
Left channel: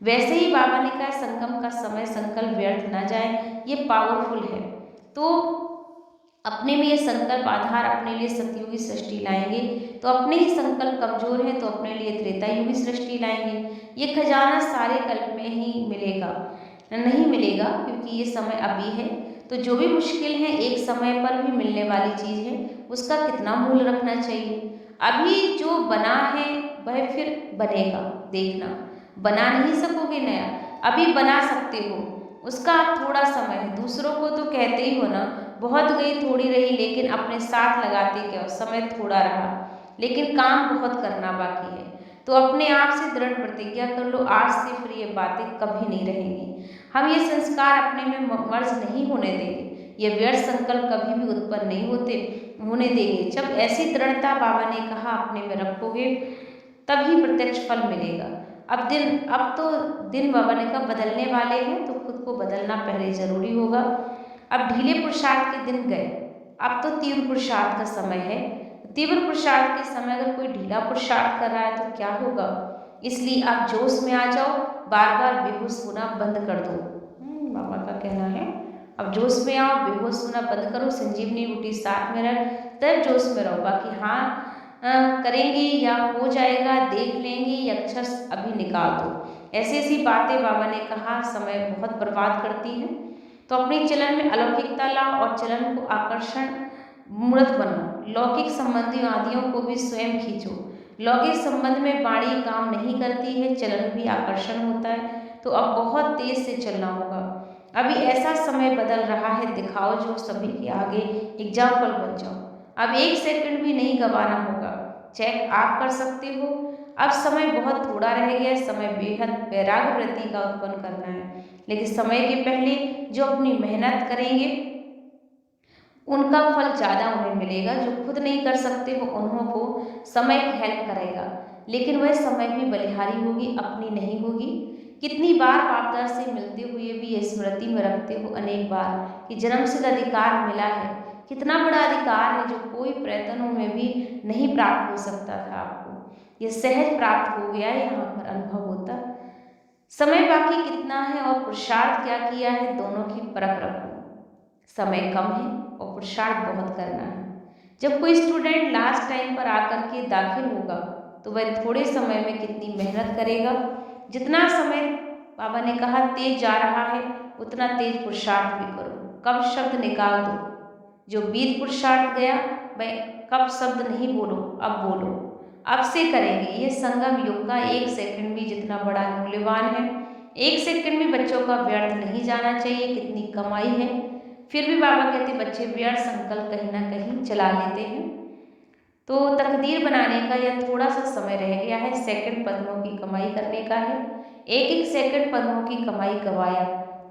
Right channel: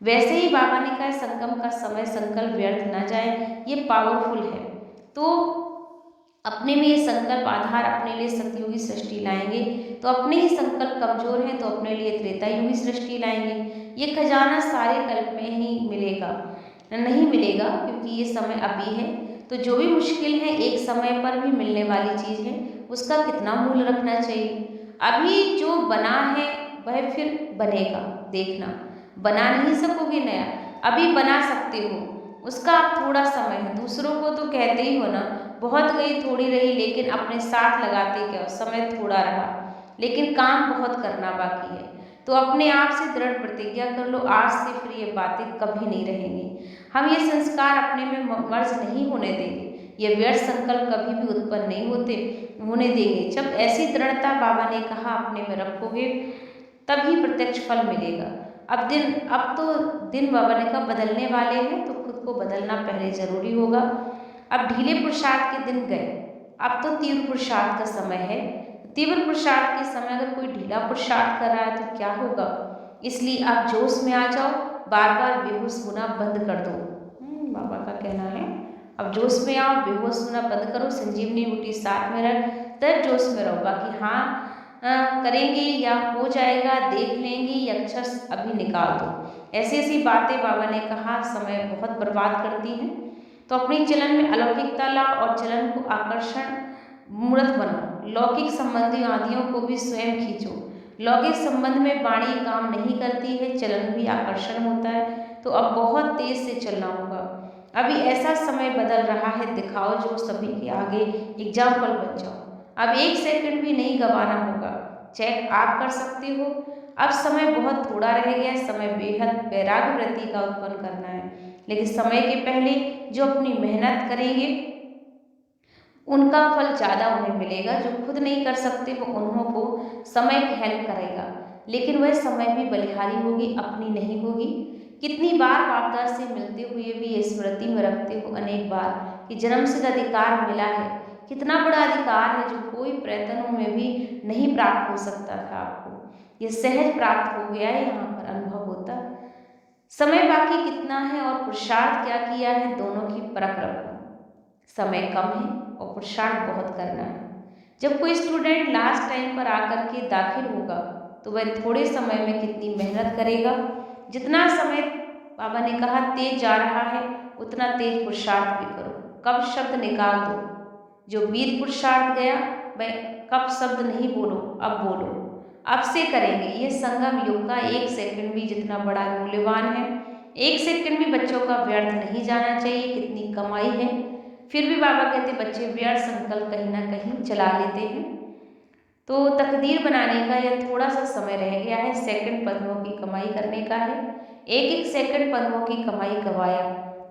वैसे ही बाबा ने कहा संगम का समय संकल्प व्यर्थ ना जाए, ये पावरफुल है। तो अपने में ये संकल्प आधार अपने लिए सतयुगी सृष्टि लाएंगे, तो अपने ही संकल्प कमजोर हैं तो अपने लिए त्रेता युगी सृष्टि लाएंगे। ये खजाना सारे कल्प में ही मिलेगा नहीं मिलेगा, क्योंकि ये समय अभी है। तो जो भी मुश्किल है एक समय पर भी मिलने वाली चीज़ है, उसका कितना मूल्य रखना चाहिए। अभी जो बना है वह फिर बनेगा, देखना बना नहीं सकोगे नया, अभी बना सकते हो, उसका आप थोड़ा समय है। दूसरों को तो कहते ही हो ना बहुत गई थोड़ी रही, लेकिन अपने साथ लगाते क्या, समय थोड़ा रहा लेकिन काम बहुत करना बाकी है। तो अपने आप से दृढ़ प्रतिज्ञा कर लो, आज से फिर ये बातें कभी नहीं रहेंगी। हम ये संस्कार अपने में मर्ज नहीं होने देंगे, ये व्यर्थ संकल्प कभी भी उत्पन्न नहीं होने देंगे। जब ऐसी दृढ़ता बाबा ने कहा अपने में रखोगे, तभी प्रत्यक्ष फल मिलेगा। अब तो दिन बाबा ने कहा बदलने वाले हैं, तो खुद को बदलना पहले जरूरी होगा। अब ढीले पुरुषार्थ के दिन गए, अब तो तीव्र पुरुषार्थ का समय है। तीव्र पुरुषार्थ के समय अगर कोई ढीला पुरुषार्थ कर रहा है तो क्या होगा? इसलिए आप जोश में आ जाओ, बार बार बेहोश होना बंद कर दो। बाबा का कहना है अब जोश में आओ, बेहोश होना बंद करो, संजीवनी बूटी साथ में रख, तब जोश में रहो। बाकी हाँ करेंगे या हो जाएगा, देख लेंगे, या अक्षर अभी निकाल दो, ऐसी ऐसी बातें बाबा ने कहा समय बहुत बर्बाद करती हैं। तो अपनी चलन में अलौकिकता लाओ और चलन को आकर्षण मूर्त बनाओ। लौकिक संबंधी आदियों को भी स्वयं खींचो। लौकिक संबंध में वाणी काम नहीं करती है, चलन भी आकर्षण होता है। तो अब बहुत तेज से चलना होगा। अभी ऐसा समय बदल रहा है, दिखाओ जो सभी के आगे एग्जाम्पल बन जाओ। अब 1 सेकंड भी नहीं गंवाना होगा। चेक आप कर सकते हो। अब समय बहुत थोड़ा रह गया, समय बेहद वैराग्य वृत्ति का उत्पन्न करना है। लेकिन समय के पहले जो अपनी मेहनत करेंगे उनका फल ज़्यादा उन्हें मिलेगा। जो खुद नहीं कर सकते वो उन्हों को समय हेल्प करेगा, लेकिन वह समय भी बलिहारी होगी, अपनी नहीं होगी। कितनी बार बापदादा से मिलते हुए भी ये स्मृति में रखते हो अनेक बार कि जन्मसिद्ध अधिकार मिला है। कितना बड़ा अधिकार है जो कोई प्रयत्नों में भी नहीं प्राप्त हो सकता था आपको, ये सहज प्राप्त हो गया है, यहाँ पर अनुभव होता। समय बाकी कितना है और पुरुषार्थ क्या किया है, दोनों की परख रखो। समय कम है और पुरुषार्थ बहुत करना है। जब कोई स्टूडेंट लास्ट टाइम पर आकर के दाखिल होगा तो वह थोड़े समय में कितनी मेहनत करेगा। जितना समय बाबा ने कहा तेज जा रहा है, उतना तेज पुरुषार्थ भी करो। कब शब्द निकाल दो, जो बीत पुरुषार्थ गया वह कब शब्द नहीं बोलो, अब बोलो, अब से करेंगे। ये संगम युग का 1 सेकंड भी जितना बड़ा मूल्यवान है। 1 सेकंड भी बच्चों का व्यर्थ नहीं जाना चाहिए। कितनी कमाई है, फिर भी बाबा कहते बच्चे व्यर्थ संकल्प कहीं ना कहीं चला लेते हैं। तो तकदीर बनाने का यह थोड़ा सा समय रह गया है, सेकंड पद्मों की कमाई करने का है। एक एक सेकंड पद्मों की कमाई गवाया,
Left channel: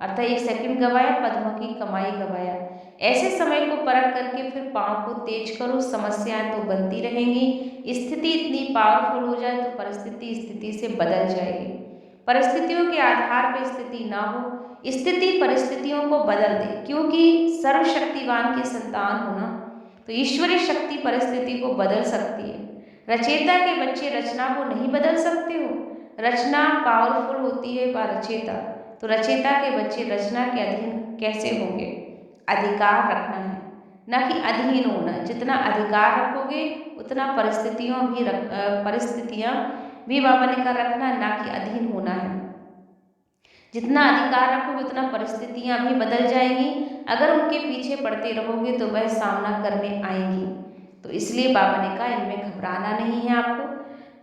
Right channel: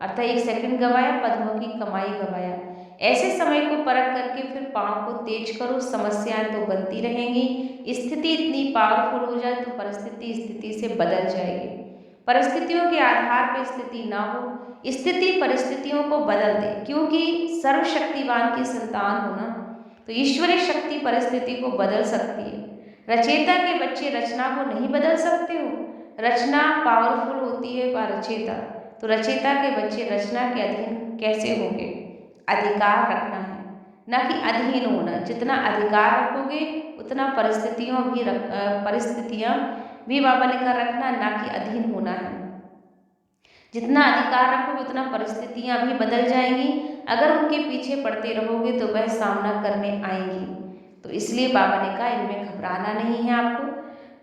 अर्थात 1 सेकंड गवाया, पद्मों की कमाई गवाया। ऐसे समय को परख करके फिर पाँव को तेज करो। समस्याएं तो बनती रहेंगी, स्थिति इतनी पावरफुल हो जाए तो परिस्थिति स्थिति से बदल जाएगी। परिस्थितियों के आधार पर स्थिति ना हो, स्थिति परिस्थितियों को बदल दे, क्योंकि सर्वशक्तिवान की संतान होना तो ईश्वरीय शक्ति परिस्थिति को बदल सकती है। रचयिता के बच्चे रचना को नहीं बदल सकते हो। रचना पावरफुल होती है पर रचयिता, तो रचयिता के बच्चे रचना के अधीन कैसे होंगे? अधिकार रखना है, ना कि अधीन होना। जितना अधिकार रखोगे उतना परिस्थितियाँ भी बाबा ने कर रखना, ना कि अधीन होना है। जितना अधिकार रखोगे उतना परिस्थितियाँ भी बदल जाएंगी। अगर उनके पीछे पड़ते रहोगे तो वह सामना करने आएंगी। तो इसलिए बाबा ने कहा इनमें घबराना नहीं है आपको।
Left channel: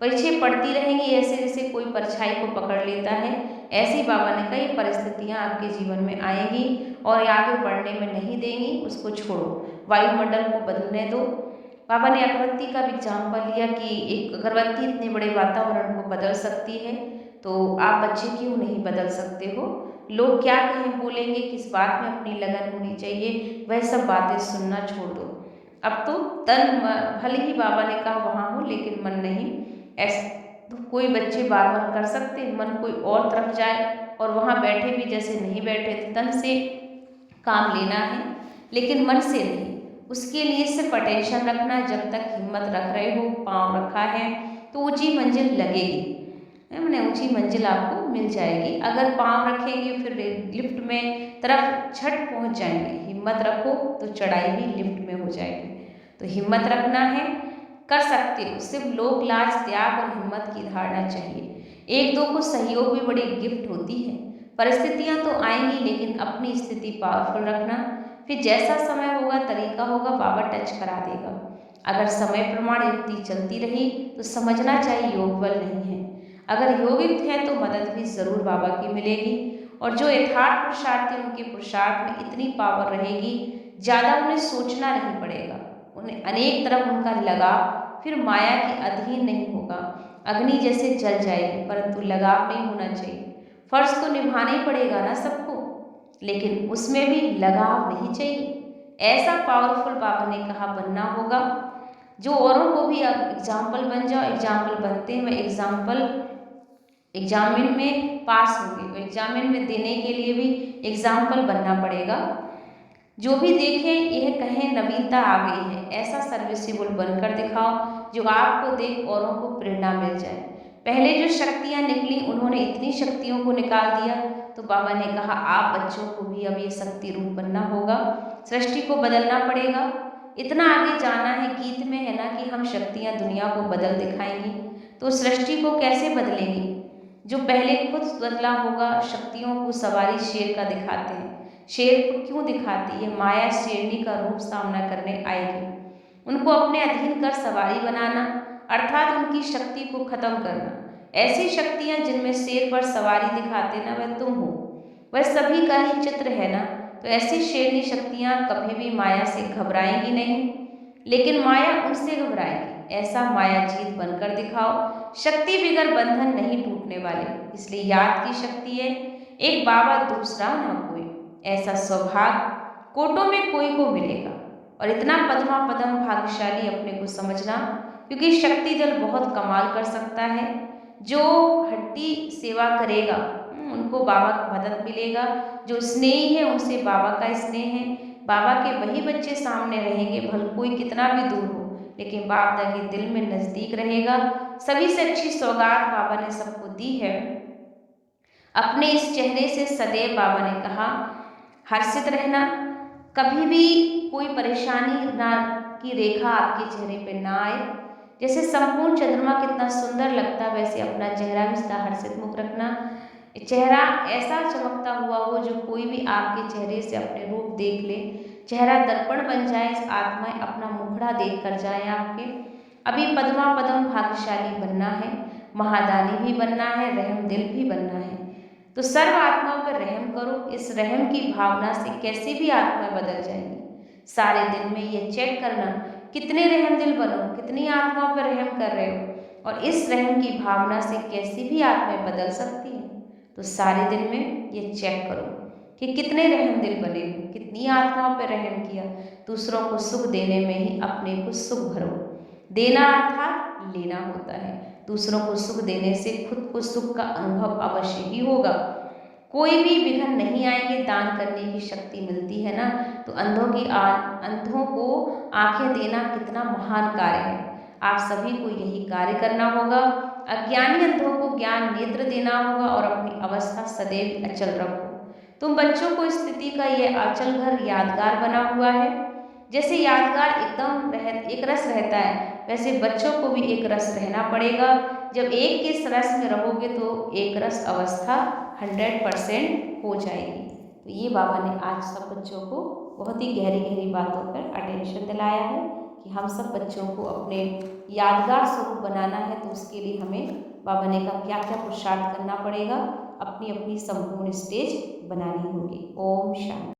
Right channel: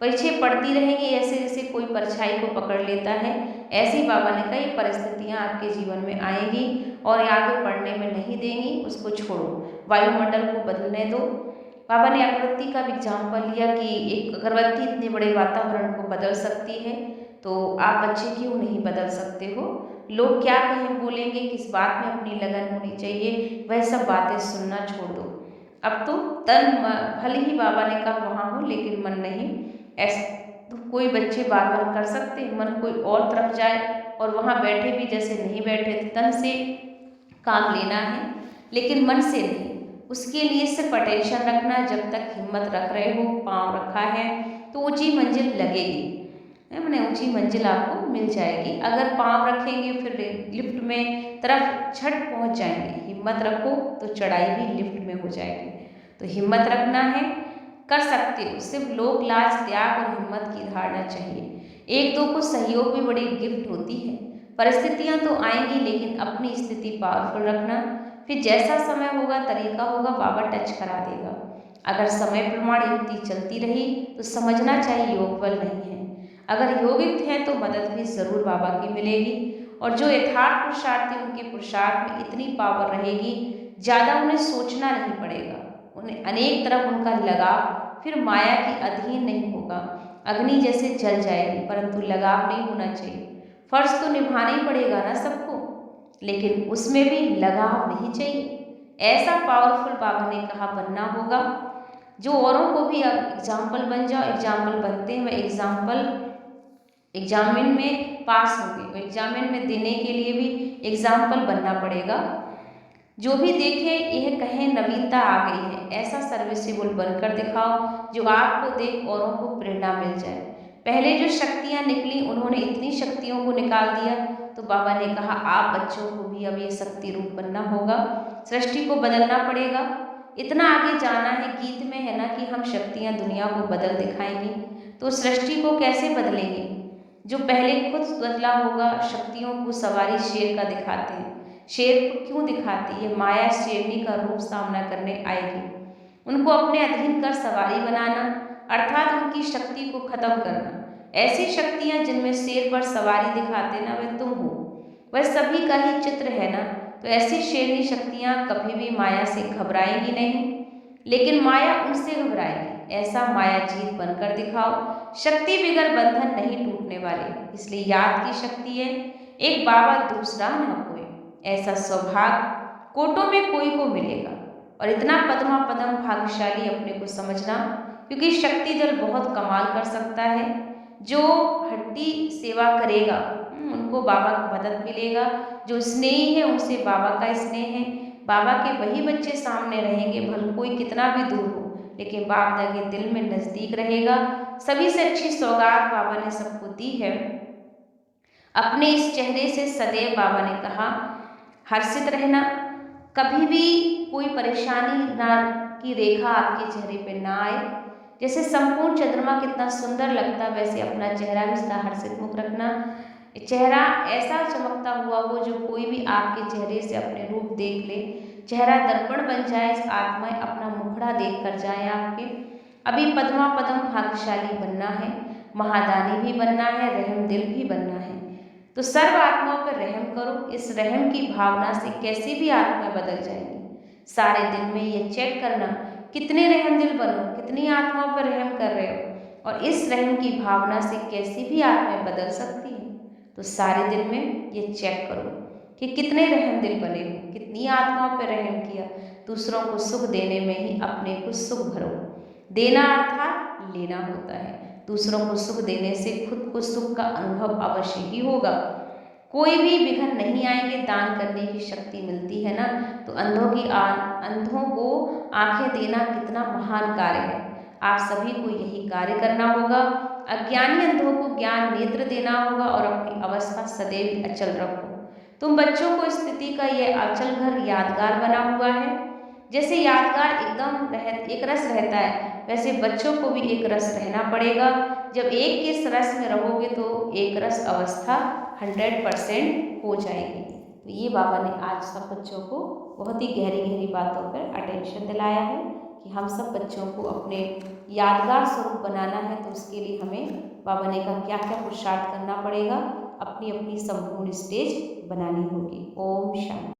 पीछे पड़ती रहेंगी, ऐसे जैसे कोई परछाई को पकड़ लेता है, ऐसी बाबा ने कहा ये परिस्थितियाँ आपके जीवन में आएंगी और आगे बढ़ने में नहीं देंगी। उसको छोड़ो, वायुमंडल को बदलने दो। बाबा ने अगरबत्ती का एग्जाम्पल लिया कि एक अगरबत्ती इतने बड़े वातावरण को बदल सकती है, तो आप बच्चे क्यों नहीं बदल सकते हो? लोग क्या कहें बोलेंगे, किस बात में अपनी लगन होनी चाहिए, वह सब बातें सुनना छोड़ दो। अब तो तन भले ही बाबा ने कहा वहाँ हो, लेकिन मन नहीं। ऐसा तो कोई बच्चे बार बार कर सकते हैं, मन कोई और तरफ जाए और वहाँ बैठे भी जैसे नहीं बैठे। तो तन से काम लेना है लेकिन मन से नहीं। उसके लिए सिर्फ अटेंशन रखना। जब तक हिम्मत रख रहे हो, पाँव रखा है, तो ऊंची मंजिल लगेगी, मैंने ऊंची मंजिल आपको मिल जाएगी। अगर पाँव रखेंगे फिर लिफ्ट में तरफ झट पहुंच जाएंगे। हिम्मत रखो तो चढ़ाई भी लिफ्ट में हो जाएगी। तो हिम्मत रखना है, कर सकते हो। सिर्फ लोक लाज, त्याग और हिम्मत की धारणा चाहिए। एक दो को सहयोग भी बड़ी गिफ्ट होती है। परिस्थितियां तो आएंगी, लेकिन अपनी स्थिति पावरफुल रखना। फिर जैसा समय होगा, तरीका होगा, बाबा टच करा देगा। अगर समय प्रमाण युक्ति चलती रही तो समझना चाहिए योग बल नहीं है। अगर योगिक है तो मदद भी जरूर बाबा की मिलेगी। और जो यथार्थ पुरुषार्थी, उनके पुरुषार्थ में इतनी पावर रहेगी, ज़्यादा उन्हें सोचना नहीं पड़ेगा। उन्हें अनेक तरफ उनका लगाव फिर माया के अधीन नहीं होगा। अग्नि जैसे जल जाएगी, परंतु लगाव नहीं होना चाहिए। फर्ज तो निभाना ही पड़ेगा ना सबको, लेकिन उसमें भी लगाव नहीं चाहिए। ऐसा पावरफुल बाबा ने कहा बनना होगा जो औरों को भी एग्जाम्पल बन जाओ। एग्जाम्पल बनते हैं वह एग्जाम्पल एग्जामिन में पास होंगे, तो एग्जामिन में देने के लिए भी एग्जाम्पल बनना पड़ेगा। जो भी देखें यह कहें नवीनता आ गई है, ऐसा सर्विसेबल बनकर दिखाओ जो आपको देख औरों को प्रेरणा मिल जाए। पहले जो शक्तियाँ निकली उन्होंने इतनी शक्तियों को निकाल दिया, तो बाबा ने कहा आप बच्चों को भी अब ये शक्ति रूप बनना होगा, सृष्टि को बदलना पड़ेगा। इतना आगे जाना है, गीत में है ना कि हम शक्तियाँ दुनिया को बदल दिखाएंगी, तो सृष्टि को कैसे बदलेंगे? जो पहले खुद बदला होगा। शक्तियों को सवारी शेर का दिखाते हैं, शेर को क्यों दिखाती है? माया शेरनी का रूप सामना करने आएगी, उनको अपने अधीन कर सवारी बनाना, अर्थात उनकी शक्ति को खत्म करना। ऐसी शक्तियाँ जिनमें शेर पर सवारी दिखाते ना, वह तुम हो, वह सभी का ही चित्र है ना। तो ऐसी शेरनी शक्तियाँ कभी भी माया से घबराएंगी नहीं, लेकिन माया उनसे घबराएगी। ऐसा माया जीत बनकर दिखाओ। शक्ति बिगर बंधन नहीं टूटने वाले, इसलिए याद की शक्ति है, एक बाबा दूसरा ना कोई। ऐसा सौभाग्य कोटों में कोई को मिलेगा। और इतना पद्मा पदम भाग्यशाली अपने को समझना, क्योंकि शक्ति दल बहुत कमाल कर सकता है। जो हड्डी सेवा करेगा उनको बाबा की मदद मिलेगा। जो स्नेही है उनसे बाबा का स्नेह है। बाबा के वही बच्चे सामने रहेंगे, भले कोई कितना भी दूर हो, लेकिन बाबा के दिल में नज़दीक रहेगा। सभी से अच्छी सौगात बाबा ने सबको दी है। अपने इस चेहरे से सदैव बाबा ने कहा हर्षित रहना, कभी भी कोई परेशानी ना की रेखा आपके चेहरे पे ना आए। जैसे संपूर्ण चंद्रमा कितना सुंदर लगता, वैसे अपना चेहरा भी हर्षित मुख रखना। चेहरा ऐसा चमकता हुआ हो जो कोई भी आपके चेहरे से अपने रूप देख ले, चेहरा दर्पण बन जाए, आत्माएं अपना मुखड़ा देख कर जाए आपके। अभी पद्मा पदम भाग्यशाली बनना है, महादानी भी बनना है, रहम दिल भी बनना है। तो सर्व आत्माओं पर रहम करो। इस रहम की भावना से कैसी भी आत्माएं बदल जाएंगी। सारे दिन में ये चेक करना कितने रहम दिल बनो, कितनी आत्माओं पर रहम कर रहे हो, और इस रहम की भावना से कैसी भी आत्माएं बदल सकती हैं। तो सारे दिन में ये चेक करो कि कितने रहम दिल बने हो, कितनी आत्माओं पर रहम किया। दूसरों को सुख देने में ही अपने को सुख भरो। देना अर्थात लेना होता है। दूसरों को सुख देने से खुद को सुख का अनुभव अवश्य ही होगा। कोई भी विघ्न नहीं आएंगे, दान करने की शक्ति मिलती है ना। तो अंधों को आंखें देना कितना महान कार्य है। आप सभी को यही कार्य करना होगा। अज्ञानी अंधों को ज्ञान नेत्र देना होगा और अपनी अवस्था सदैव अचल रखो। तुम बच्चों को स्थिति का यह अचल घर यादगार बना हुआ है। जैसे यादगार एकदम एक रस रहता है, वैसे बच्चों को भी एक रस रहना पड़ेगा। जब एक के रस में रहोगे तो एक रस अवस्था 100% हो जाएगी। तो ये बाबा ने आज सब बच्चों को बहुत ही गहरी गहरी बातों पर अटेंशन दिलाया है कि हम सब बच्चों को अपने यादगार स्वरूप बनाना है। तो उसके लिए हमें बाबा ने कहा क्या क्या पुरुषार्थ करना पड़ेगा, अपनी अपनी संपूर्ण स्टेज बनानी होगी। ओम शांति।